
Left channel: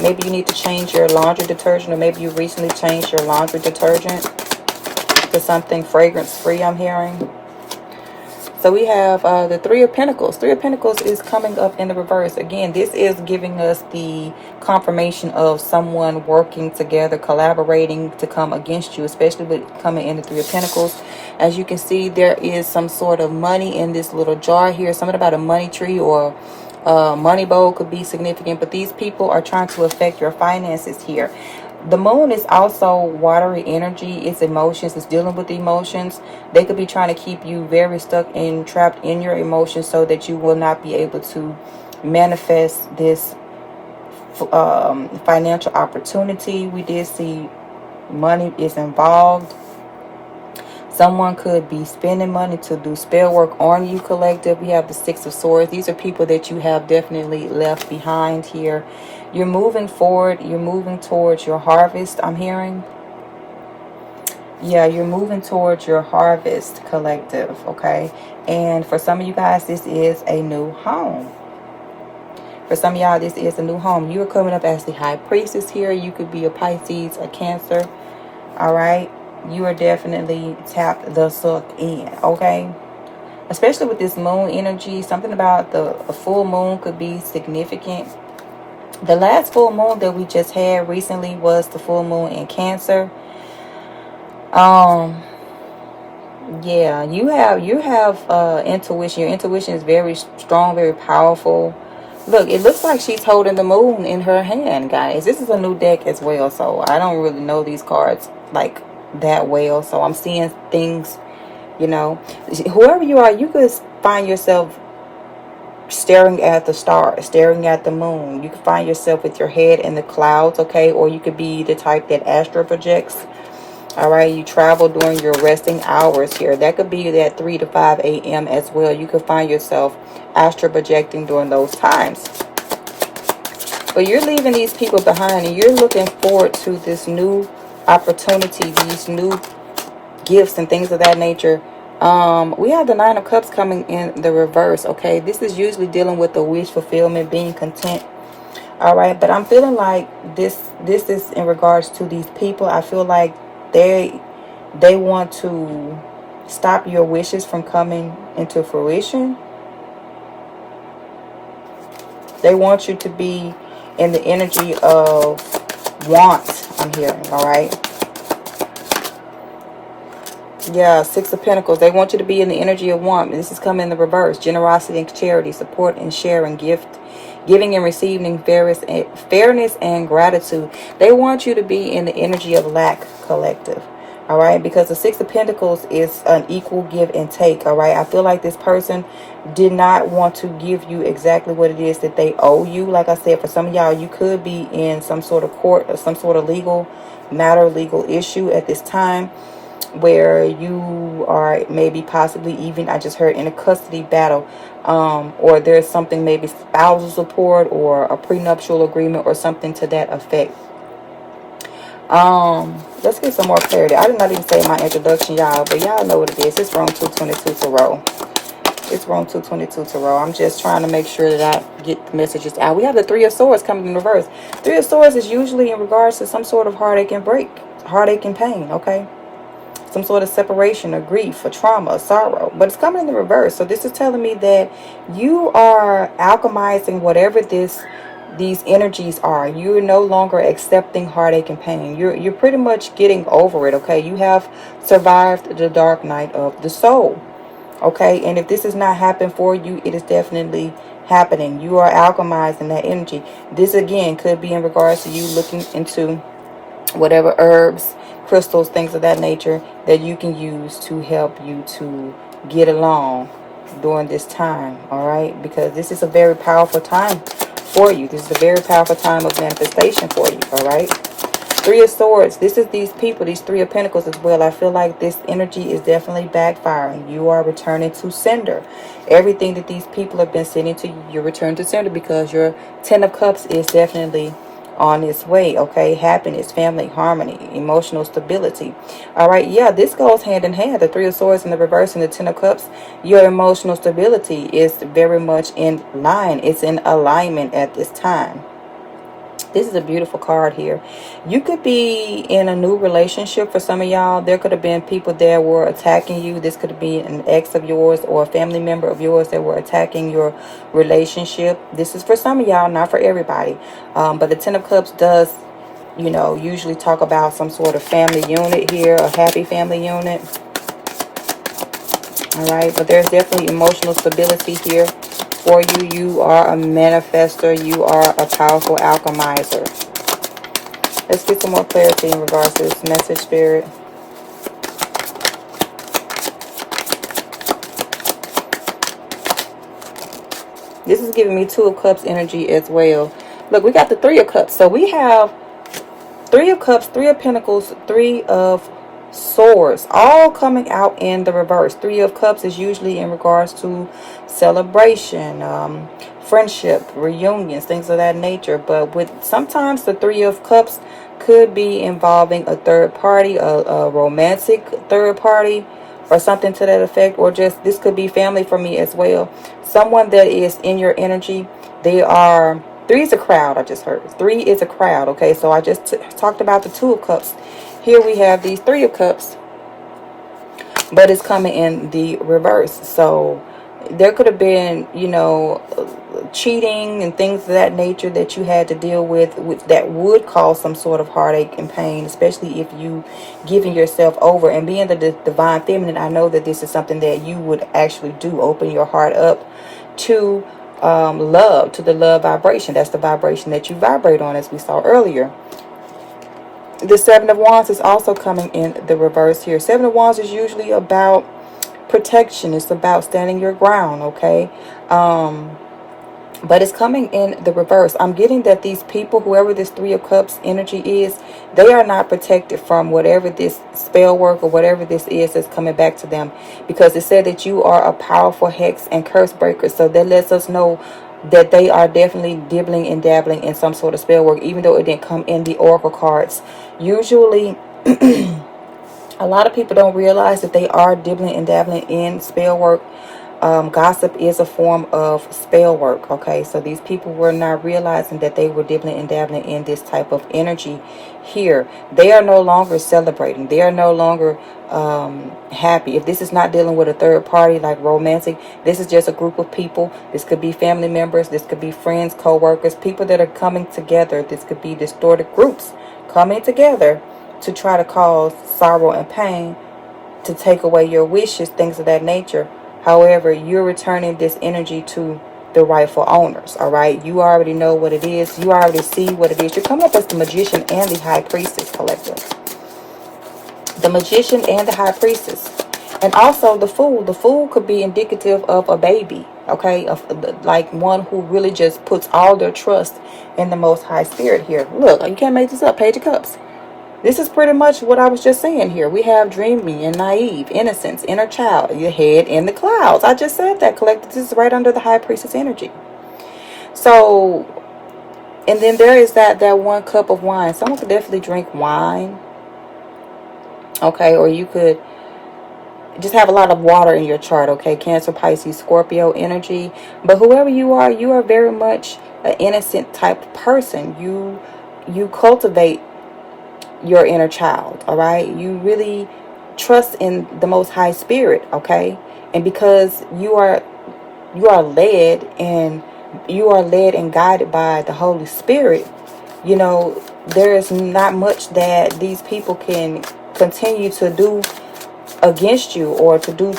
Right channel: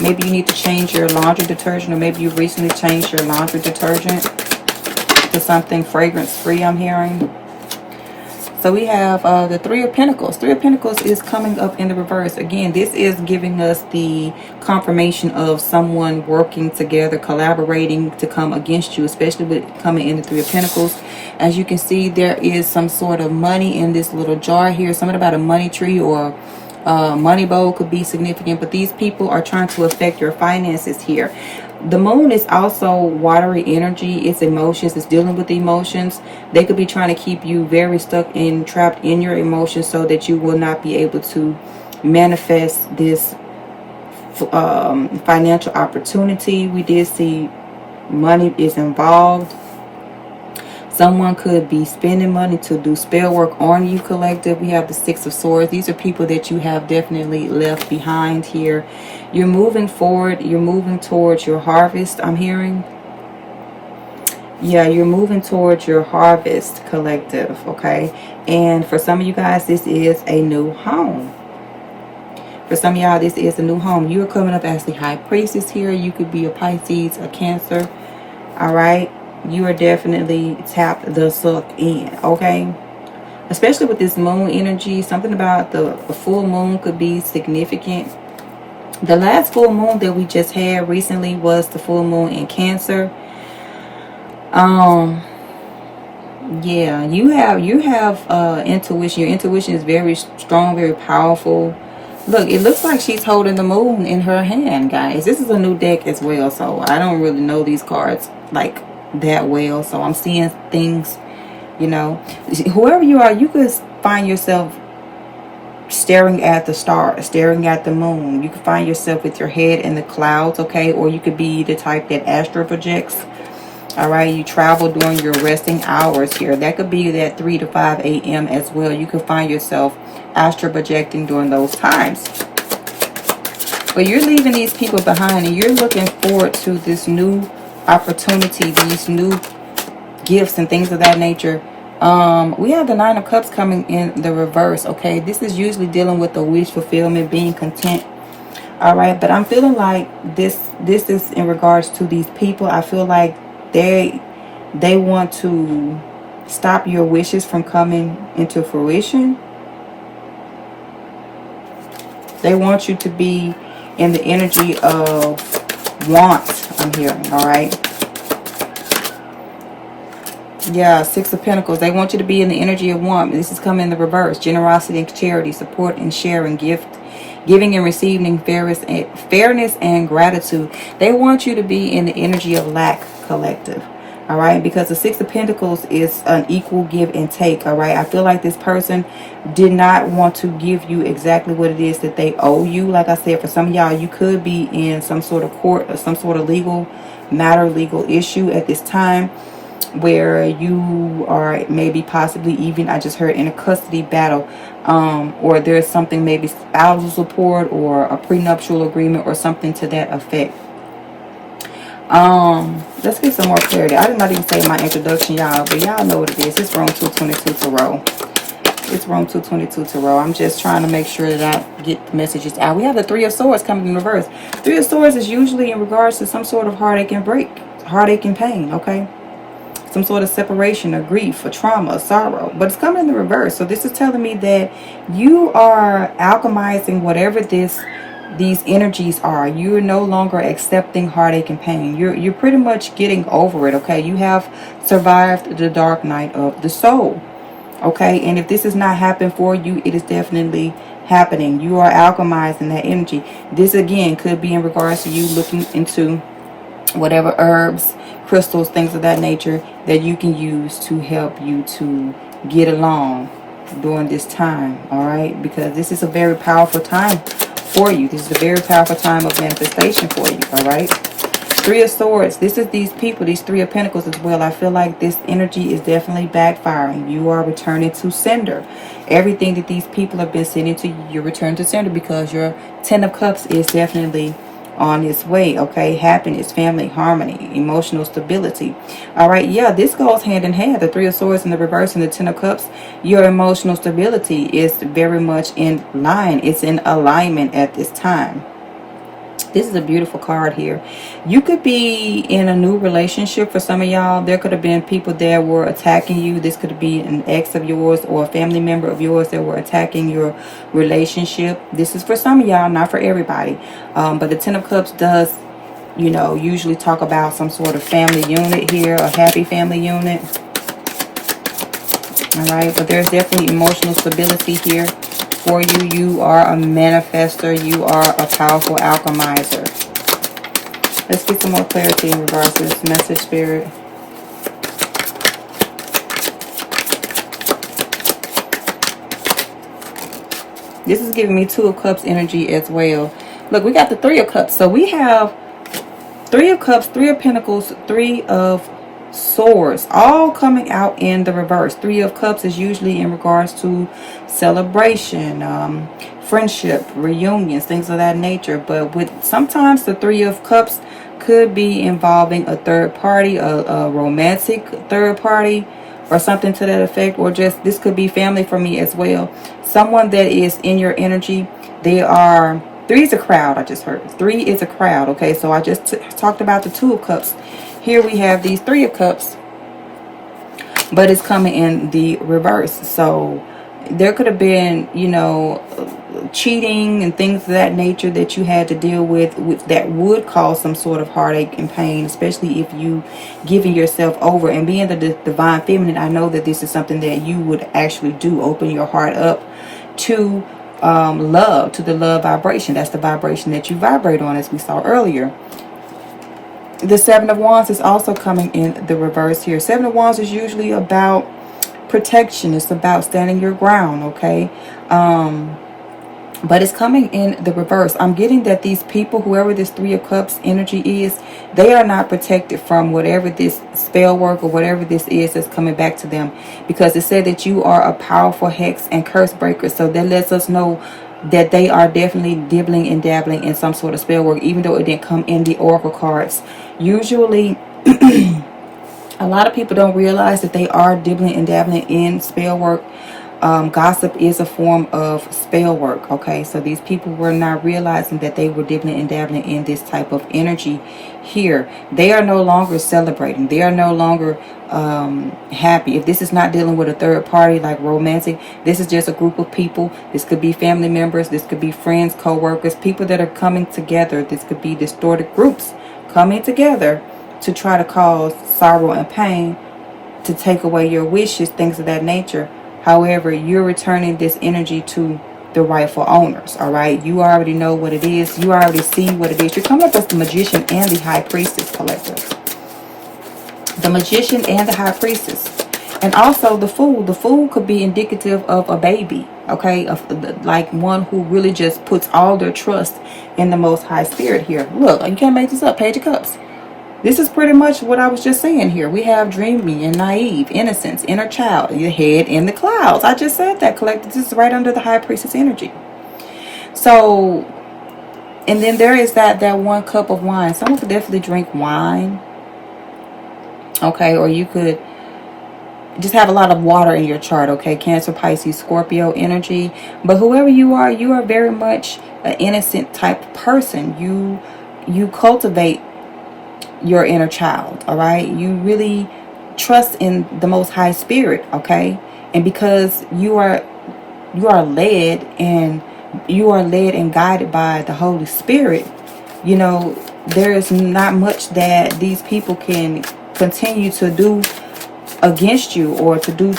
Maybe you need to change your laundry detergent, or maybe you recently changed your laundry detergent to something fragrance free, I'm hearing. So we have the Three of Pentacles. Three of Pentacles is coming up in the reverse. Again, this is giving us the confirmation of someone working together, collaborating to come against you, especially with coming in the Three of Pentacles. As you can see, there is some sort of money in this little jar here. Something about a money tree or money bowl could be significant, but these people are trying to affect your finances here. The moon is also watery energy. It's emotions. It's dealing with the emotions. They could be trying to keep you very stuck and trapped in your emotions so that you will not be able to manifest this financial opportunity. We did see money is involved. Someone could be spending money to do spell work on you, collective. We have the Six of Swords. These are people that you have definitely left behind here. You're moving forward. You're moving towards your harvest, I'm hearing. Yeah, you're moving towards your harvest, collective, okay? And for some of you guys, this is a new home. For some of y'all, this is a new home. You're coming up as the High Priestess here. You could be a Pisces, a Cancer, all right? You are definitely tapped the suck in, okay? Especially with this moon energy, something about the full moon could be significant. The last full moon that we just had recently was the full moon in Cancer. Yeah, you have intuition. Your intuition is very strong, very powerful. Look, it looks like she's holding the moon in her hand, guys. This is a new deck as well, so I don't really know these cards like that well, so I'm seeing things, you know. Whoever you are, you could find yourself staring at the stars, staring at the moon. You could find yourself with your head in the clouds, okay? Or you could be the type that astral projects. All right, you travel during your resting hours here. That could be that 3 to 5 a.m. as well. You could find yourself astral projecting during those times. But you're leaving these people behind, and you're looking forward to this new opportunity, these new gifts and things of that nature. We have the Nine of Cups coming in the reverse, okay? This is usually dealing with the wish fulfillment, being content. All right, but I'm feeling like this is in regards to these people. I feel like they want to stop your wishes from coming into fruition. They want you to be in the energy of Want, I'm hearing, all right? Yeah, Six of Pentacles. They want you to be in the energy of want. This is coming in the reverse. Generosity and charity, support and sharing, giving and receiving, fairness and gratitude. They want you to be in the energy of lack, collective. All right, because the Six of Pentacles is an equal give and take. All right, I feel like this person did not want to give you exactly what it is that they owe you. Like I said, for some of y'all, you could be in some sort of court or some sort of legal matter, legal issue at this time, where you are maybe possibly even, I just heard, in a custody battle, or there's something, maybe spousal support or a prenuptial agreement or something to that effect. Let's get some more clarity. I did not even say my introduction, y'all, but y'all know what it is. It's room 222 Tarot. It's room 222 Tarot. I'm just trying to make sure that I get the messages out. We have the Three of Swords coming in reverse. Three of Swords is usually in regards to some sort of heartache and heartache and pain, okay? Some sort of separation or grief or trauma or sorrow, but it's coming in the reverse. So this is telling me that you are alchemizing whatever these energies are. You're no longer accepting heartache and pain. You're pretty much getting over it, okay? You have survived the dark night of the soul, okay? And if this has not happened for you, it is definitely happening. You are alchemizing that energy. This again could be in regards to you looking into whatever herbs, crystals, things of that nature that you can use to help you to get along during this time, all right? Because this is a very powerful time for you. This is a very powerful time of manifestation for you, all right? Three of Swords. This is these people, these Three of Pentacles as well. I feel like this energy is definitely backfiring. You are returning to sender. Everything that these people have been sending to you, you return to sender, because your Ten of Cups is definitely on its way, okay? Happiness, family, harmony, emotional stability. All right, yeah, this goes hand in hand. The Three of Swords in the reverse and the Ten of Cups. Your emotional stability is very much in line. It's in alignment at this time. This is a beautiful card here. You could be in a new relationship for some of y'all. There could have been people that were attacking you. This could be an ex of yours or a family member of yours that were attacking your relationship. This is for some of y'all, not for everybody. But the Ten of Cups does, you know, usually talk about some sort of family unit here, a happy family unit. All right, but there's definitely emotional stability here for you. You are a manifester. You are a powerful alchemizer. Let's get some more clarity in regards to this message, Spirit. This is giving me Two of Cups energy as well. Look, we got the Three of Cups. So we have Three of Cups, Three of Pentacles, Three of Swords, all coming out in the reverse. Three of Cups is usually in regards to celebration, friendship, reunions, things of that nature. But with sometimes the Three of Cups could be involving a third party, a romantic third party, or something to that effect, or just this could be family for me as well. Someone that is in your energy, they are, three is a crowd. I just heard three is a crowd. Okay, so I just talked about the Two of Cups. Here we have these Three of Cups, but it's coming in the reverse. So there could have been, you know, cheating and things of that nature that you had to deal with that would cause some sort of heartache and pain, especially if you giving yourself over. And being the divine feminine, I know that this is something that you would actually do. Open your heart up to love, to the love vibration. That's the vibration that you vibrate on, as we saw earlier. The Seven of Wands is also coming in the reverse here. Seven of Wands is usually about protection. It's about standing your ground, okay? But it's coming in the reverse. I'm getting that these people, whoever this Three of Cups energy is, they are not protected from whatever this spell work or whatever this is that's coming back to them. Because it said that you are a powerful hex and curse breaker. So that lets us know that they are definitely dibbling and dabbling in some sort of spell work, even though it didn't come in the oracle cards. Usually a lot of people don't realize that they are dibbling and dabbling in spell work. Gossip is a form of spell work, okay? So these people were not realizing that they were dibbling and dabbling in this type of energy here. They are no longer celebrating. They are no longer happy. If this is not dealing with a third party like romantic, this is just a group of people. This could be family members. This could be friends, co-workers, people that are coming together. This could be distorted groups coming together to try to cause sorrow and pain, to take away your wishes, things of that nature. However, you're returning this energy to the rightful owners, all right? You already know what it is. You already see what it is. You're coming up as the Magician and the High Priestess, collectors. The Magician and the High Priestess. And also the Fool. The Fool could be indicative of a baby, okay? Like one who really just puts all their trust in the Most High Spirit here. Look, you can't make this up. Page of Cups. This is pretty much what I was just saying here. We have dreaming and naive, innocence, inner child, your head in the clouds. I just said that, collective. This is right under the High Priestess energy. So, and then there is that 1 cup of wine. Someone could definitely drink wine. Okay, or you could just have a lot of water in your chart, okay? Cancer, Pisces, Scorpio energy. But whoever you are very much an innocent type of person. You cultivate your inner child, all right? You really trust in the Most High Spirit, okay? And because you are led and guided by the Holy Spirit, you know, there is not much that these people can continue to do against you or to do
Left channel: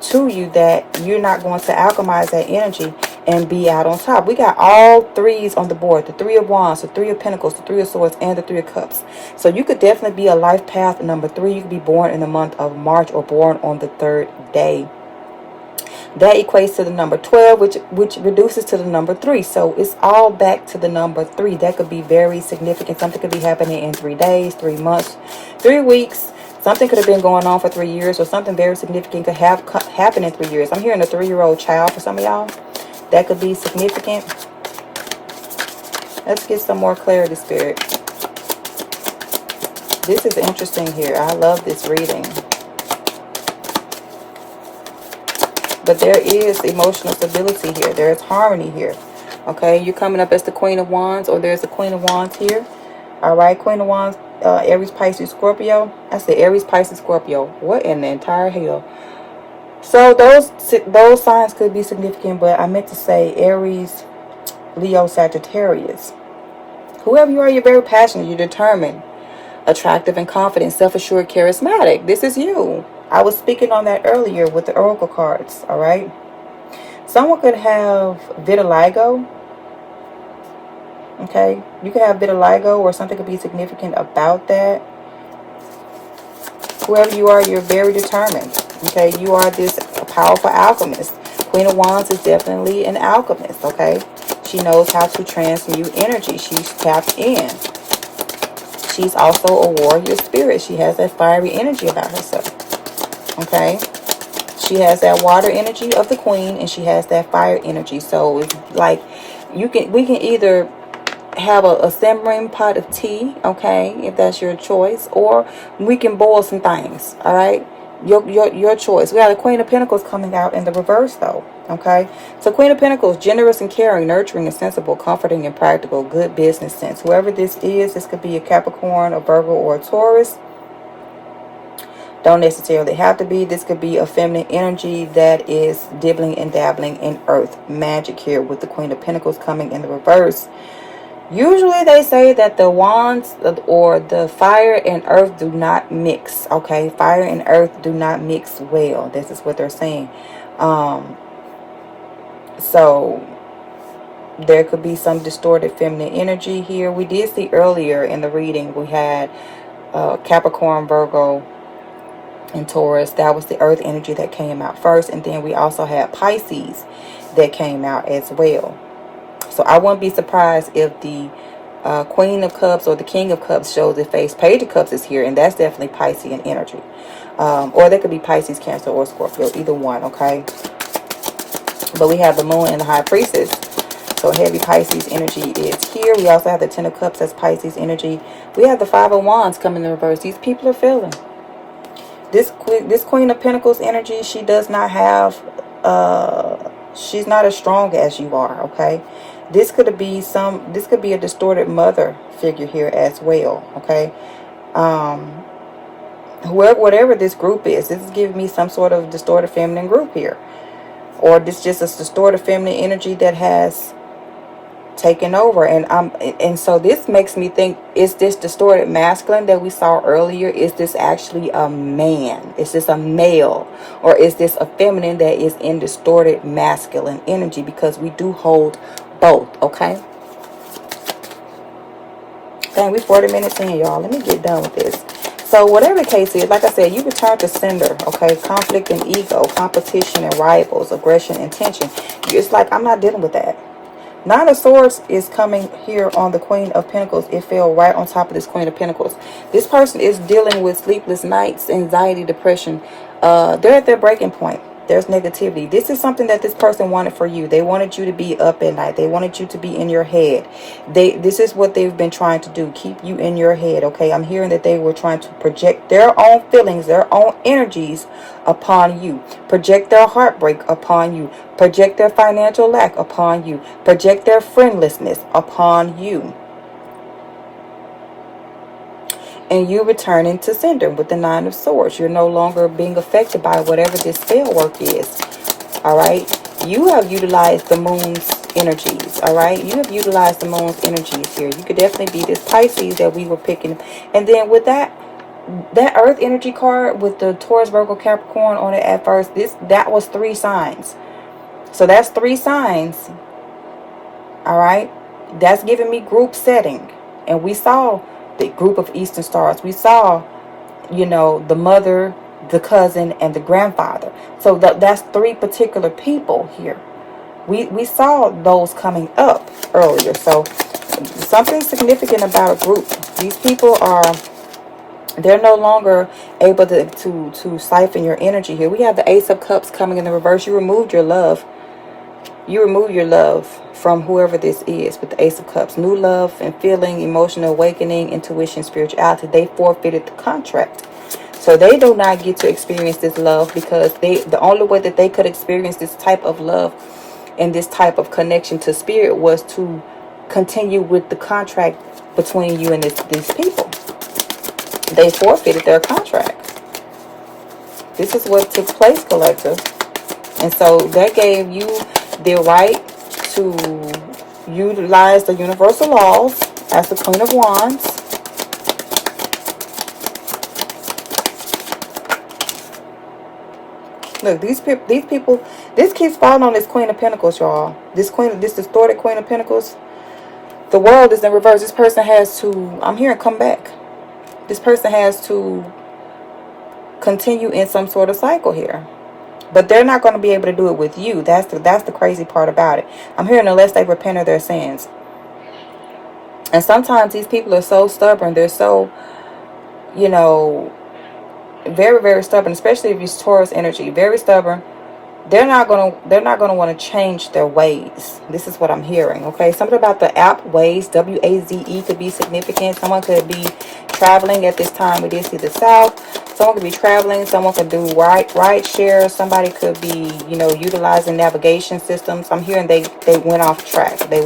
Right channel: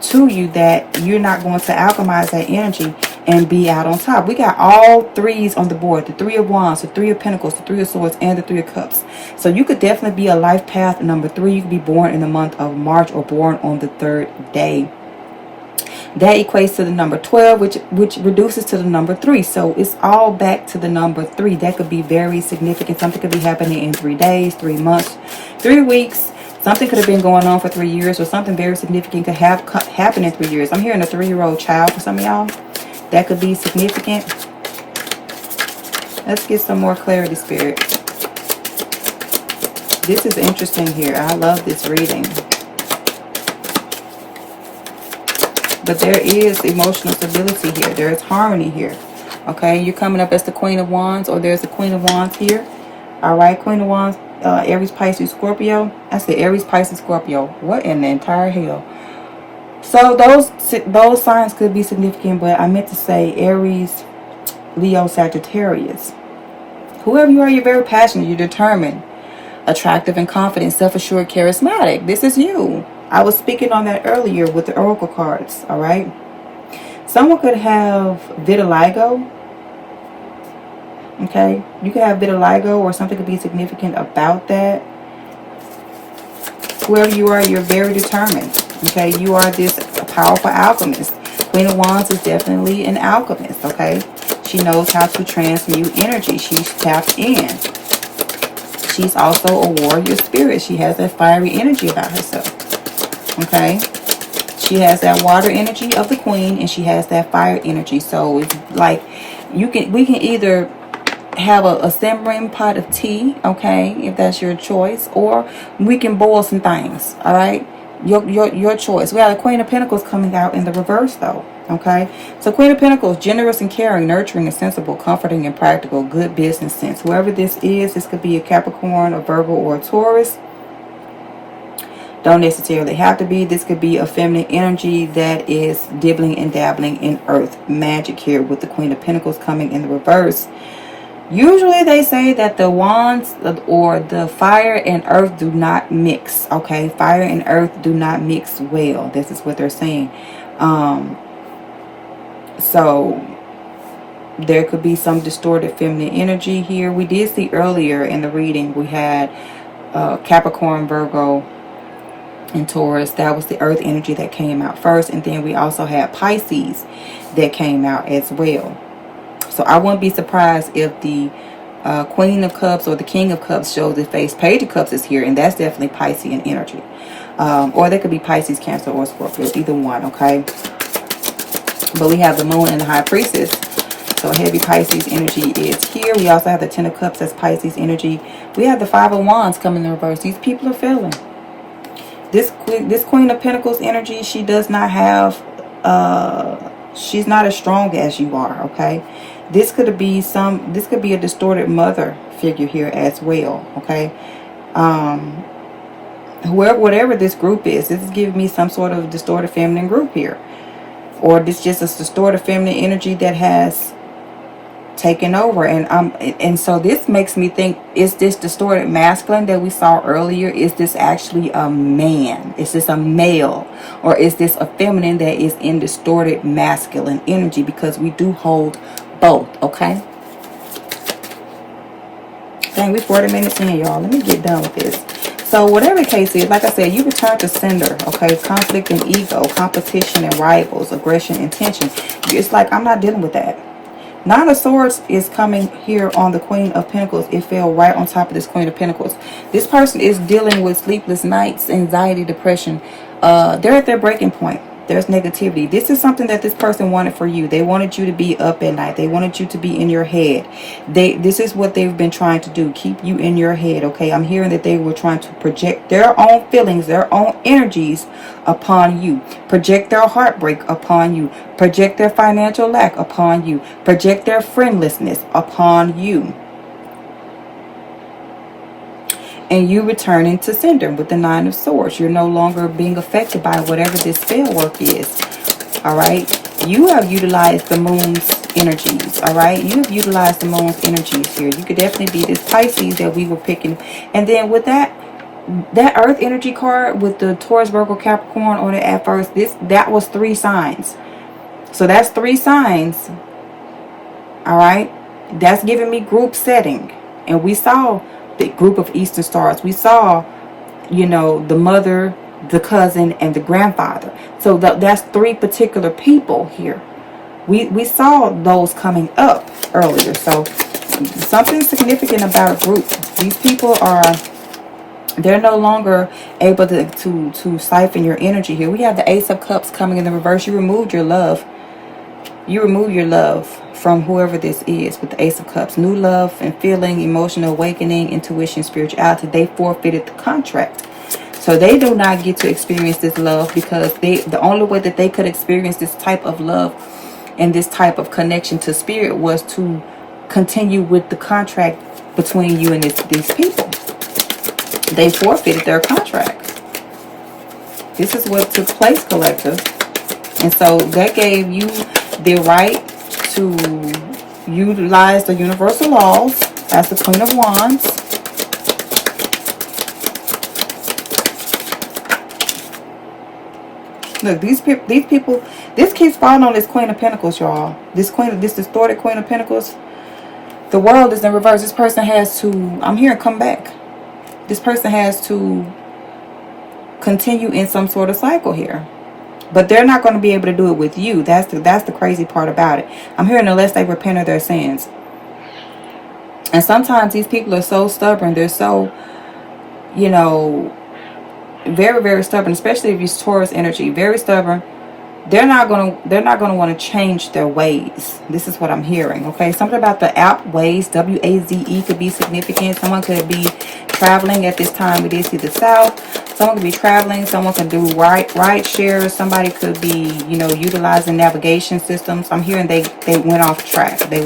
to you that you're not going to alchemize that energy and be out on top. We got all 3s on the board. The 3 of Wands, the 3 of Pentacles, the 3 of Swords, and the 3 of Cups. So you could definitely be a life path number 3. You could be born in the month of March or born on the 3rd day. That equates to the number 12, which reduces to the number 3. So it's all back to the number 3. That could be very significant. Something could be happening in 3 days, 3 months, 3 weeks. Something could have been going on for 3 years, or something very significant could have happened in 3 years. I'm hearing a 3-year-old child for some of y'all. That could be significant. Let's get some more clarity, Spirit. This is interesting here. I love this reading. But there is emotional stability here. There is harmony here. Okay, you're coming up as the Queen of Wands, or there's a Queen of Wands here. All right, Queen of Wands, Aries, Pisces, Scorpio. I said Aries, Pisces, Scorpio. What in the entire hell? So those signs could be significant, but I meant to say Aries, Leo, Sagittarius. Whoever you are, you're very passionate, you're determined, attractive and confident, self-assured, charismatic. This is you. I was speaking on that earlier with the Oracle cards, all right? Someone could have vitiligo. Okay, you could have vitiligo, or something could be significant about that. Whoever you are, you're very determined. Okay, you are this powerful alchemist. Queen of Wands is definitely an alchemist, okay? She knows how to transmute energy. She's tapped in. She's also a warrior spirit. She has that fiery energy about herself, okay? She has that water energy of the Queen, and she has that fire energy. So it's like we can either have a simmering pot of tea, okay, if that's your choice, or we can boil some things, all right? Your choice. We have the Queen of Pentacles coming out in the reverse, though, okay? So Queen of Pentacles, generous and caring, nurturing and sensible, comforting and practical, good business sense. Whoever this is, this could be a Capricorn, a Virgo, or a Taurus. Don't necessarily have to be. This could be a feminine energy that is dibbling and dabbling in earth magic here with the Queen of Pentacles coming in the reverse. Usually they say that the wands or the fire and earth do not mix. Okay, fire and earth do not mix well. This is what they're saying. So there could be some distorted feminine energy here. We did see earlier in the reading we had Capricorn, Virgo, and Taurus. That was the earth energy that came out first, and then we also had Pisces that came out as well. So I wouldn't be surprised if the Queen of Cups or the King of Cups shows their face. Page of Cups is here, and that's definitely Piscean energy. Or they could be Pisces, Cancer, or Scorpio, either one, okay? But we have the Moon and the High Priestess. So heavy Pisces energy is here. We also have the Ten of Cups as Pisces energy. We have the Five of Wands coming in reverse. These people are feeling. This Queen of Pentacles energy, she does not have... she's not as strong as you are, okay? This could be a distorted mother figure here as well, okay? Whatever this group is, this is giving me some sort of distorted feminine group here. Or this just a distorted feminine energy that has taking over. And so this makes me think, is this distorted masculine that we saw earlier? Is this actually a man? Is this a male? Or is this a feminine that is in distorted masculine energy? Because we do hold both, okay? Dang, we 40 minutes in, y'all. Let me get done with this. So whatever the case is, like I said, you return to sender, okay? Conflict and ego, competition and rivals, aggression and tension. It's like, I'm not dealing with that. Nine of Swords is coming here on the Queen of Pentacles. It fell right on top of this Queen of Pentacles. This person is dealing with sleepless nights, anxiety, depression. They're at their breaking point. There's negativity. This is something that this person wanted for you. They wanted you to be up at night. They wanted you to be in your head. This is what they've been trying to do. Keep you in your head, okay? I'm hearing that they were trying to project their own feelings, their own energies upon you. Project their heartbreak upon you. Project their financial lack upon you. Project their friendlessness upon you. And you returning to sender with the Nine of Swords. You're no longer being affected by whatever this spell work is. Alright? You have utilized the moon's energies. Alright? You have utilized the moon's energies here. You could definitely be this Pisces that we were picking. And then with that Earth energy card with the Taurus, Virgo, Capricorn on it at first, that was 3 signs. So that's 3 signs. Alright? That's giving me group setting. And we saw the group of Eastern stars. We saw, you know, the mother, the cousin, and the grandfather. So that's 3 particular people here. We saw those coming up earlier. So something significant about a group. These people they're no longer able to siphon your energy here. We have the Ace of Cups coming in the reverse. You removed your love. You remove your love from whoever this is with the Ace of Cups. New love and feeling, emotional awakening, intuition, spirituality. They forfeited the contract. So they do not get to experience this love because the only way that they could experience this type of love and this type of connection to spirit was to continue with the contract between you and these people. They forfeited their contract. This is what took place, collective. And so that gave you the right to utilize the universal laws as the Queen of Wands. Look, these people, this keeps falling on this Queen of Pentacles, y'all. This distorted Queen of Pentacles. The world is in reverse. This person has to, I'm hearing come back. This person has to continue in some sort of cycle here. But they're not going to be able to do it with you. That's the crazy part about it. I'm hearing unless they repent of their sins. And sometimes these people are so stubborn. They're so, you know, very, very stubborn. Especially if it's Taurus energy. Very stubborn. They're not gonna want to change their ways. This is what I'm hearing. Okay, something about the app Waze, W-A-Z-E, could be significant. Someone could be traveling at this time. It is to the south. Someone could be traveling. Someone could do ride share. Somebody could be, you know, utilizing navigation systems. I'm hearing they went off track. They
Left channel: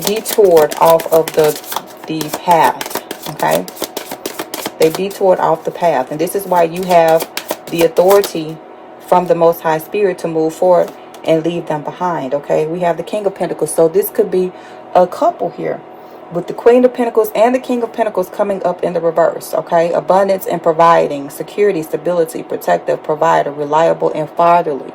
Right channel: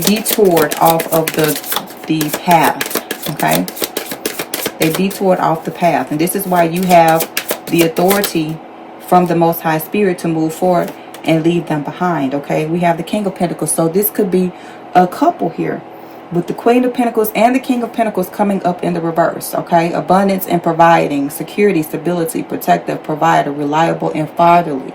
detoured off of the path. Okay, they detoured off the path, and this is why you have the authority from the Most High Spirit to move forward and leave them behind. Okay, we have the King of Pentacles. So this could be a couple here with the Queen of Pentacles and the King of Pentacles coming up in the reverse. Okay, abundance and providing, security, stability, protective, provider, reliable, and fatherly.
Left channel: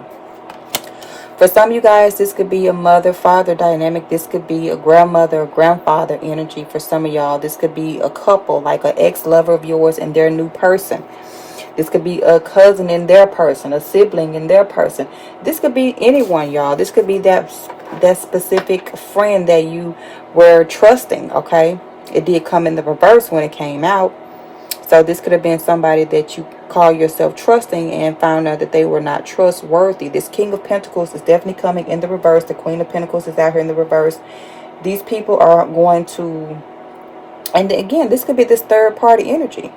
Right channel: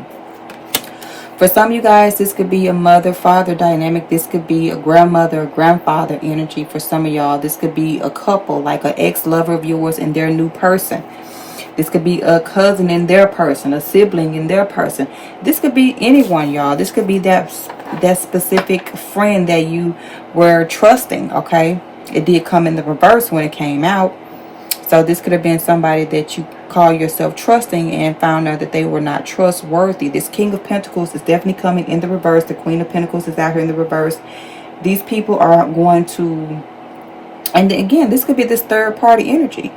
For some of you guys, this could be a mother-father dynamic. This could be a grandmother, grandfather energy. For some of y'all, this could be a couple, like an ex-lover of yours and their new person. This could be a cousin in their person, a sibling in their person. This could be anyone, y'all. This could be that specific friend that you were trusting, okay? It did come in the reverse when it came out. So this could have been somebody that you call yourself trusting and found out that they were not trustworthy. This King of Pentacles is definitely coming in the reverse. The Queen of Pentacles is out here in the reverse. These people are going to, and again, this could be this third party energy.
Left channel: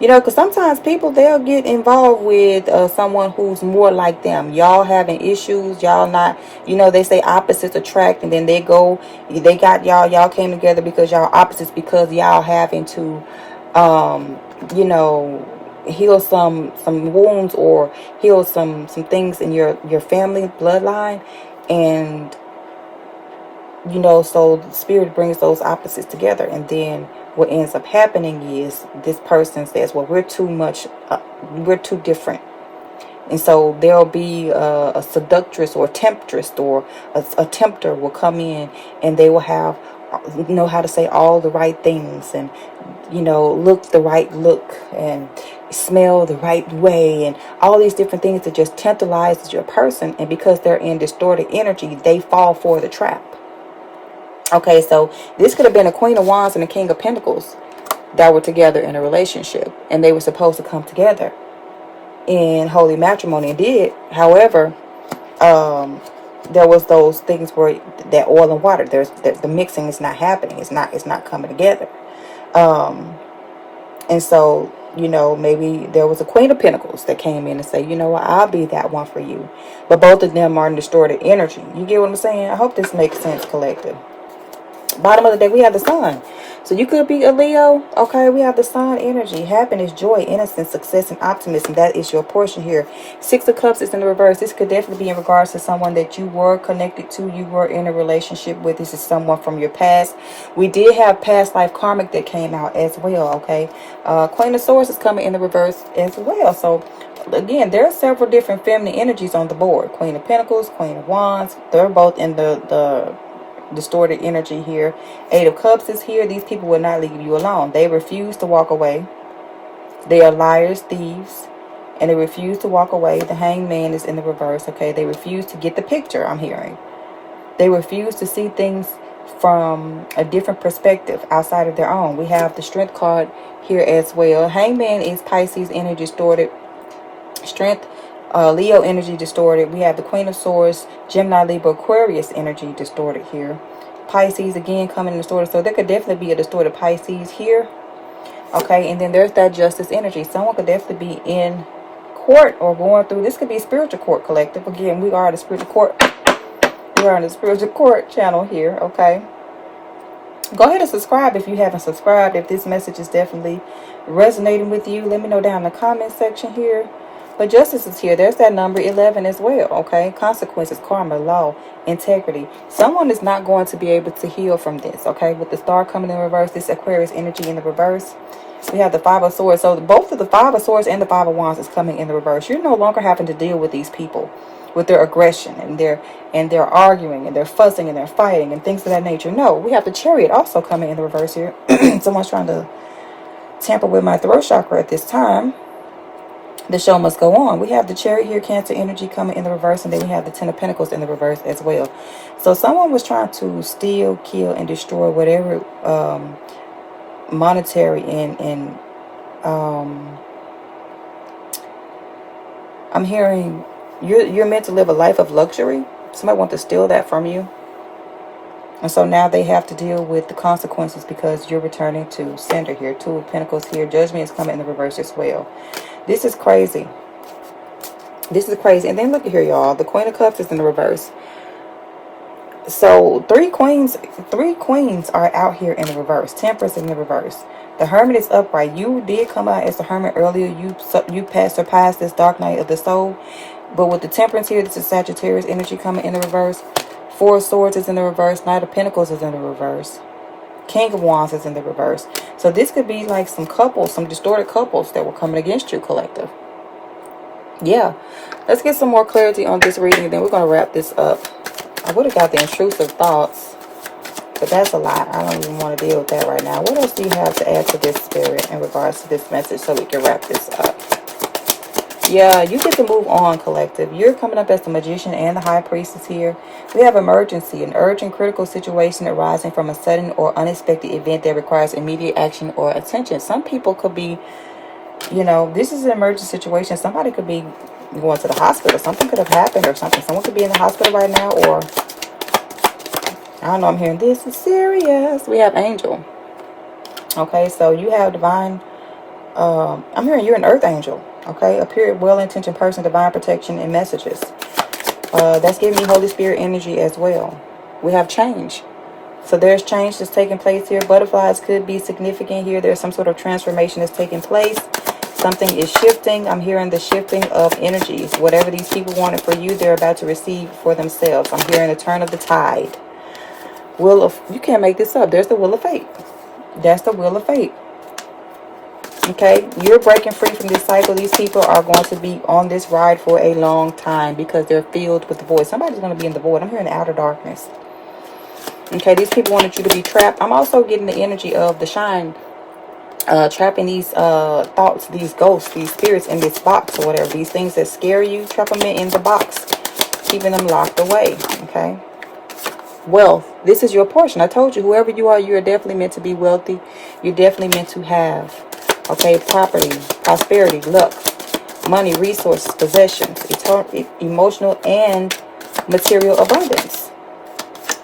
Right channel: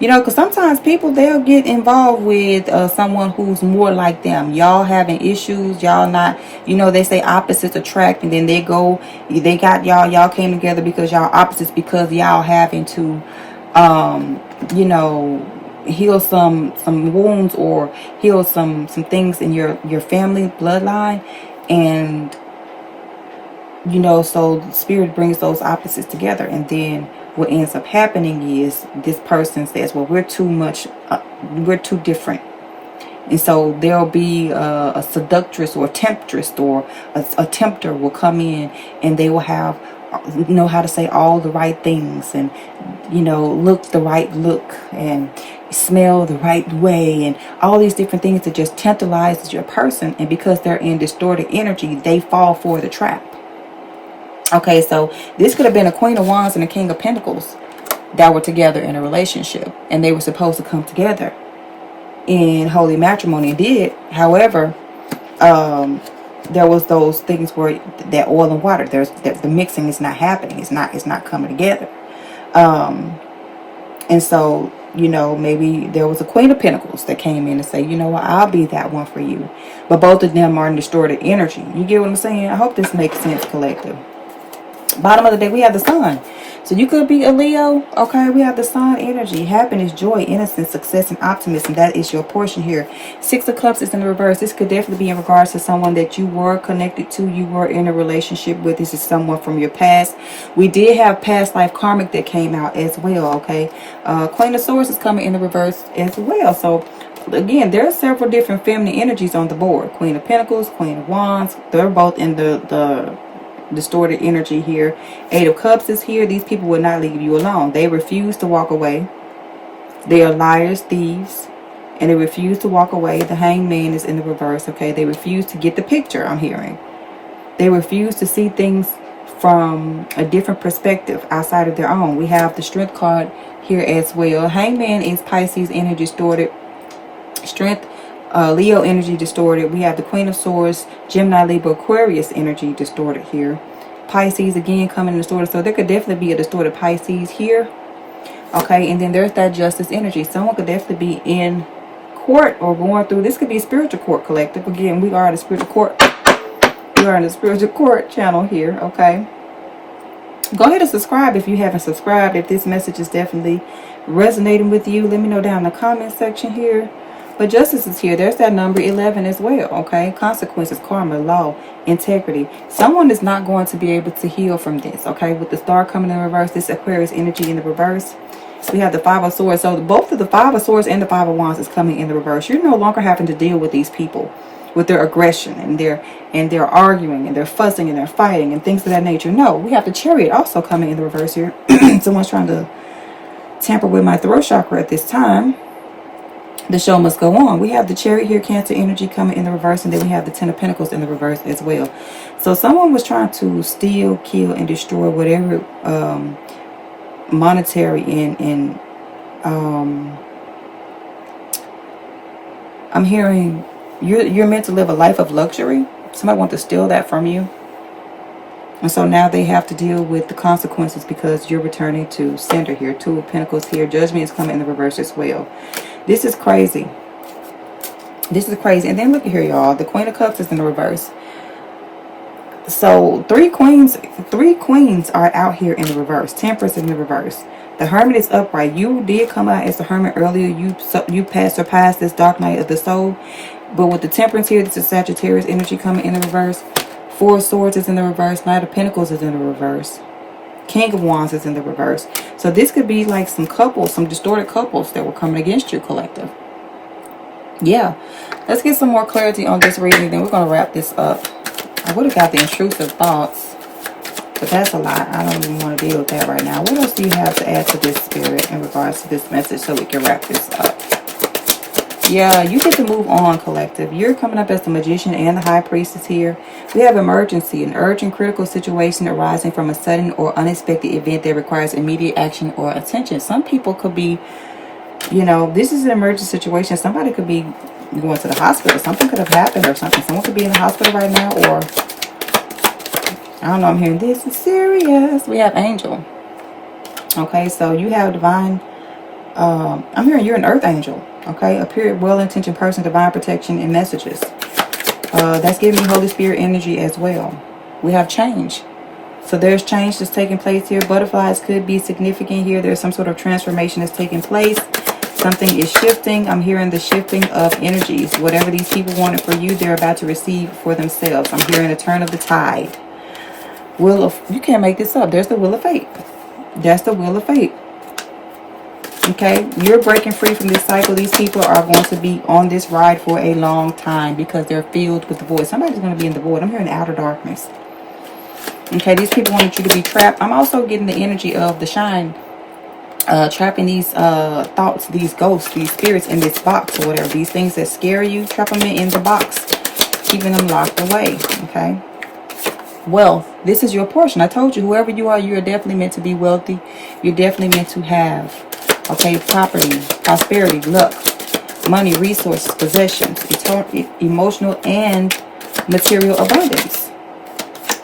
You know, because sometimes people, they'll get involved with someone who's more like them. Y'all having issues, y'all not, you know, they say opposites attract, and then they got y'all came together because y'all opposites, because y'all having to, you know, heal some wounds or heal some things in your family bloodline. And You know, so the spirit brings those opposites together. And then what ends up happening is this person says, well, we're too different. And so there'll be a seductress or a temptress, or a tempter will come in, and they will know how to say all the right things, and look the right look, and smell the right way, and all these different things that just tantalizes your person. And because they're in distorted energy, they fall for the trap. Okay, so this could have been a Queen of Wands and a King of Pentacles that were together in a relationship, and they were supposed to come together in holy matrimony, and did. However, there was those things where that oil and water, the mixing is not happening. It's not coming together. And so, maybe there was a Queen of Pentacles that came in and say, you know what, I'll be that one for you. But both of them are in distorted energy. You get what I'm saying? I hope this makes sense, collective. Bottom of the day, we have the Sun. So you could be a Leo. Okay, we have the Sun energy. Happiness, joy, innocence, success, and optimism. That is your portion here. Six of Cups is in the reverse. This could definitely be in regards to someone that you were connected to. You were in a relationship with. This is someone from your past. We did have past life karmic that came out as well. Okay. Queen of Swords is coming in the reverse as well. So again, there are several different feminine energies on the board. Queen of Pentacles, Queen of Wands. They're both in the distorted energy here. Eight of Cups is here. These people will not leave you alone. They refuse to walk away. They are liars, thieves, and they refuse to walk away. The Hanged Man is in the reverse. Okay, they refuse to get the picture. I'm hearing they refuse to see things from a different perspective outside of their own. We have the Strength card here as well. Hanged Man is Pisces energy distorted. Strength, Leo energy distorted. We have the Queen of Swords, Gemini, Libra, Aquarius energy distorted here. Pisces again coming in distorted. So there could definitely be a distorted Pisces here. Okay, and then there's that Justice energy. Someone could definitely be in court or going through. This could be a spiritual court, collective. Again, we are the spiritual court. We are in the spiritual court channel here. Okay. Go ahead and subscribe if you haven't subscribed. If this message is definitely resonating with you, let me know down in the comment section here. But justice is here. There's that number 11 as well, okay? Consequences, karma, law, integrity. Someone is not going to be able to heal from this, okay? With the Star coming in reverse, this Aquarius energy in the reverse. We have the Five of Swords. So both of the Five of Swords and the Five of Wands is coming in the reverse. You're no longer having to deal with these people, with their aggression, and they're arguing, and they're fussing, and they're fighting, and things of that nature. No, we have the Chariot also coming in the reverse here. Someone's trying to tamper with my throat chakra at this time. The show must go on. We have the Chariot here, Cancer energy coming in the reverse, and then we have the Ten of Pentacles in the reverse as well. So someone was trying to steal, kill, and destroy whatever monetary and I'm hearing you're meant to live a life of luxury. Somebody wants to steal that from you. And so now they have to deal with the consequences because you're returning to sender here. Two of Pentacles here. Judgment is coming in the reverse as well. This is crazy. This is crazy. And then look at here, y'all. The Queen of Cups is in the reverse. So three queens are out here in the reverse. Temperance is in the reverse. The Hermit is upright. You did come out as the Hermit earlier. You surpassed this dark night of the soul. But with the Temperance here, this is Sagittarius energy coming in the reverse. Four of Swords is in the reverse. Knight of Pentacles is in the reverse. King of Wands is in the reverse. So this could be like some couples, some distorted couples that were coming against you, collective. Yeah. Let's get some more clarity on this reading. Then we're going to wrap this up. I would have got the intrusive thoughts, but that's a lot. I don't even want to deal with that right now. What else do you have to add to this, Spirit, in regards to this message so we can wrap this up? Yeah, you get to move on, collective. You're coming up as the Magician and the High Priestess here. We have emergency, an urgent critical situation arising from a sudden or unexpected event that requires immediate action or attention. Some people could be, this is an emergency situation. Somebody could be going to the hospital. Something could have happened or something. Someone could be in the hospital right now, or I don't know, I'm hearing this is serious. We have Angel. Okay, so you have divine, I'm hearing you're an earth angel. Okay, a pure, well-intentioned person, divine protection and messages. That's giving me Holy Spirit energy as well. We have change. So there's change that's taking place here. Butterflies could be significant here. There's some sort of transformation that's taking place. Something is shifting. I'm hearing the shifting of energies. Whatever these people wanted for you, they're about to receive for themselves. I'm hearing the turn of the tide. Wheel of, you can't make this up. There's the Wheel of Fate. That's the Wheel of Fate. Okay, you're breaking free from this cycle. These people are going to be on this ride for a long time because they're filled with the void. Somebody's going to be in the void. I'm hearing outer darkness. Okay, these people wanted you to be trapped. I'm also getting the energy of the shine. Trapping these thoughts, these ghosts, these spirits in this box or whatever. These things that scare you, trap them in the box. Keeping them locked away. Okay. Wealth. This is your portion. I told you, whoever you are, you're definitely meant to be wealthy. You're definitely meant to have, okay, property, prosperity, luck, money, resources, possessions, emotional and material abundance.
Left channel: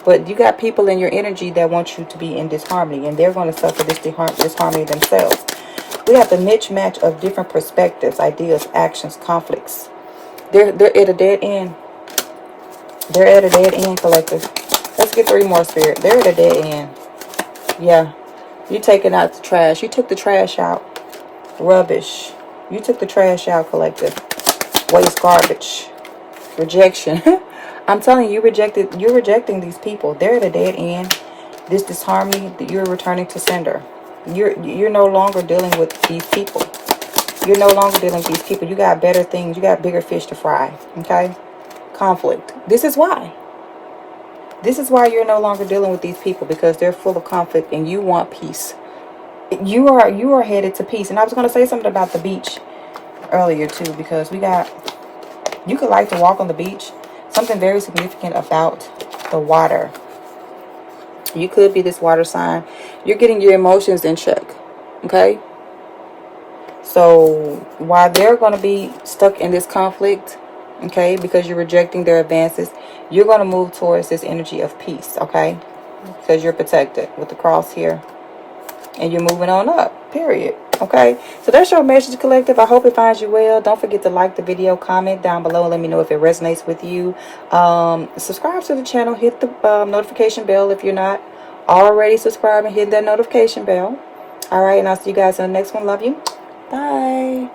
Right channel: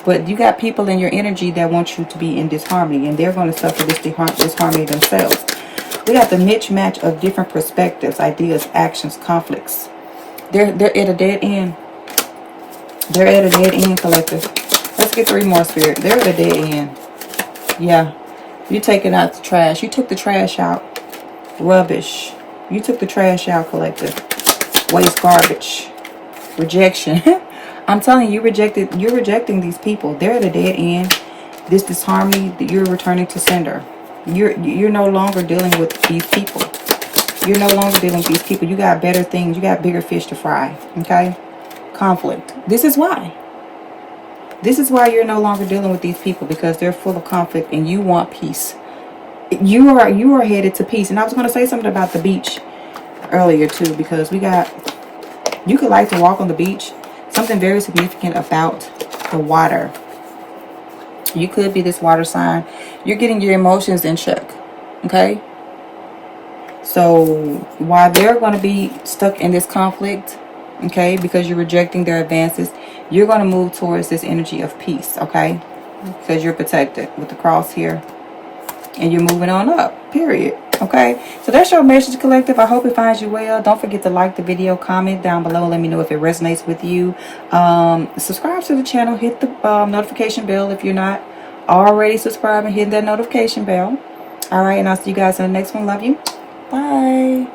But you got people in your energy that want you to be in disharmony, and they're going to suffer this disharmony themselves. We got the niche match of different perspectives, ideas, actions, conflicts. They're at a dead end. They're at a dead end, collective. Let's get 3 more, Spirit. They're at a dead end. Yeah. You taking out the trash. You took the trash out. Rubbish. You took the trash out, collective. Waste, garbage. Rejection. I'm telling you, you're rejecting these people. They're at a dead end. This disharmony, you're returning to sender. You're no longer dealing with these people. You're no longer dealing with these people. You got better things. You got bigger fish to fry. Okay? Conflict. This is why. This is why you're no longer dealing with these people, because they're full of conflict and you want peace. You are headed to peace. And I was going to say something about the beach earlier too, because you could like to walk on the beach. Something very significant about the water. You could be this water sign. You're getting your emotions in check. Okay? So while they're going to be stuck in this conflict, okay, because you're rejecting their advances, you're going to move towards this energy of peace, okay? Because you're protected with the cross here. And you're moving on up, period. Okay, so that's your message, collective. I hope it finds you well. Don't forget to like the video, comment down below, let me know if it resonates with you. Subscribe to the channel, hit the notification bell if you're not already subscribed, and hit that notification bell. All right, and I'll see you guys in the next one. Love you. Bye.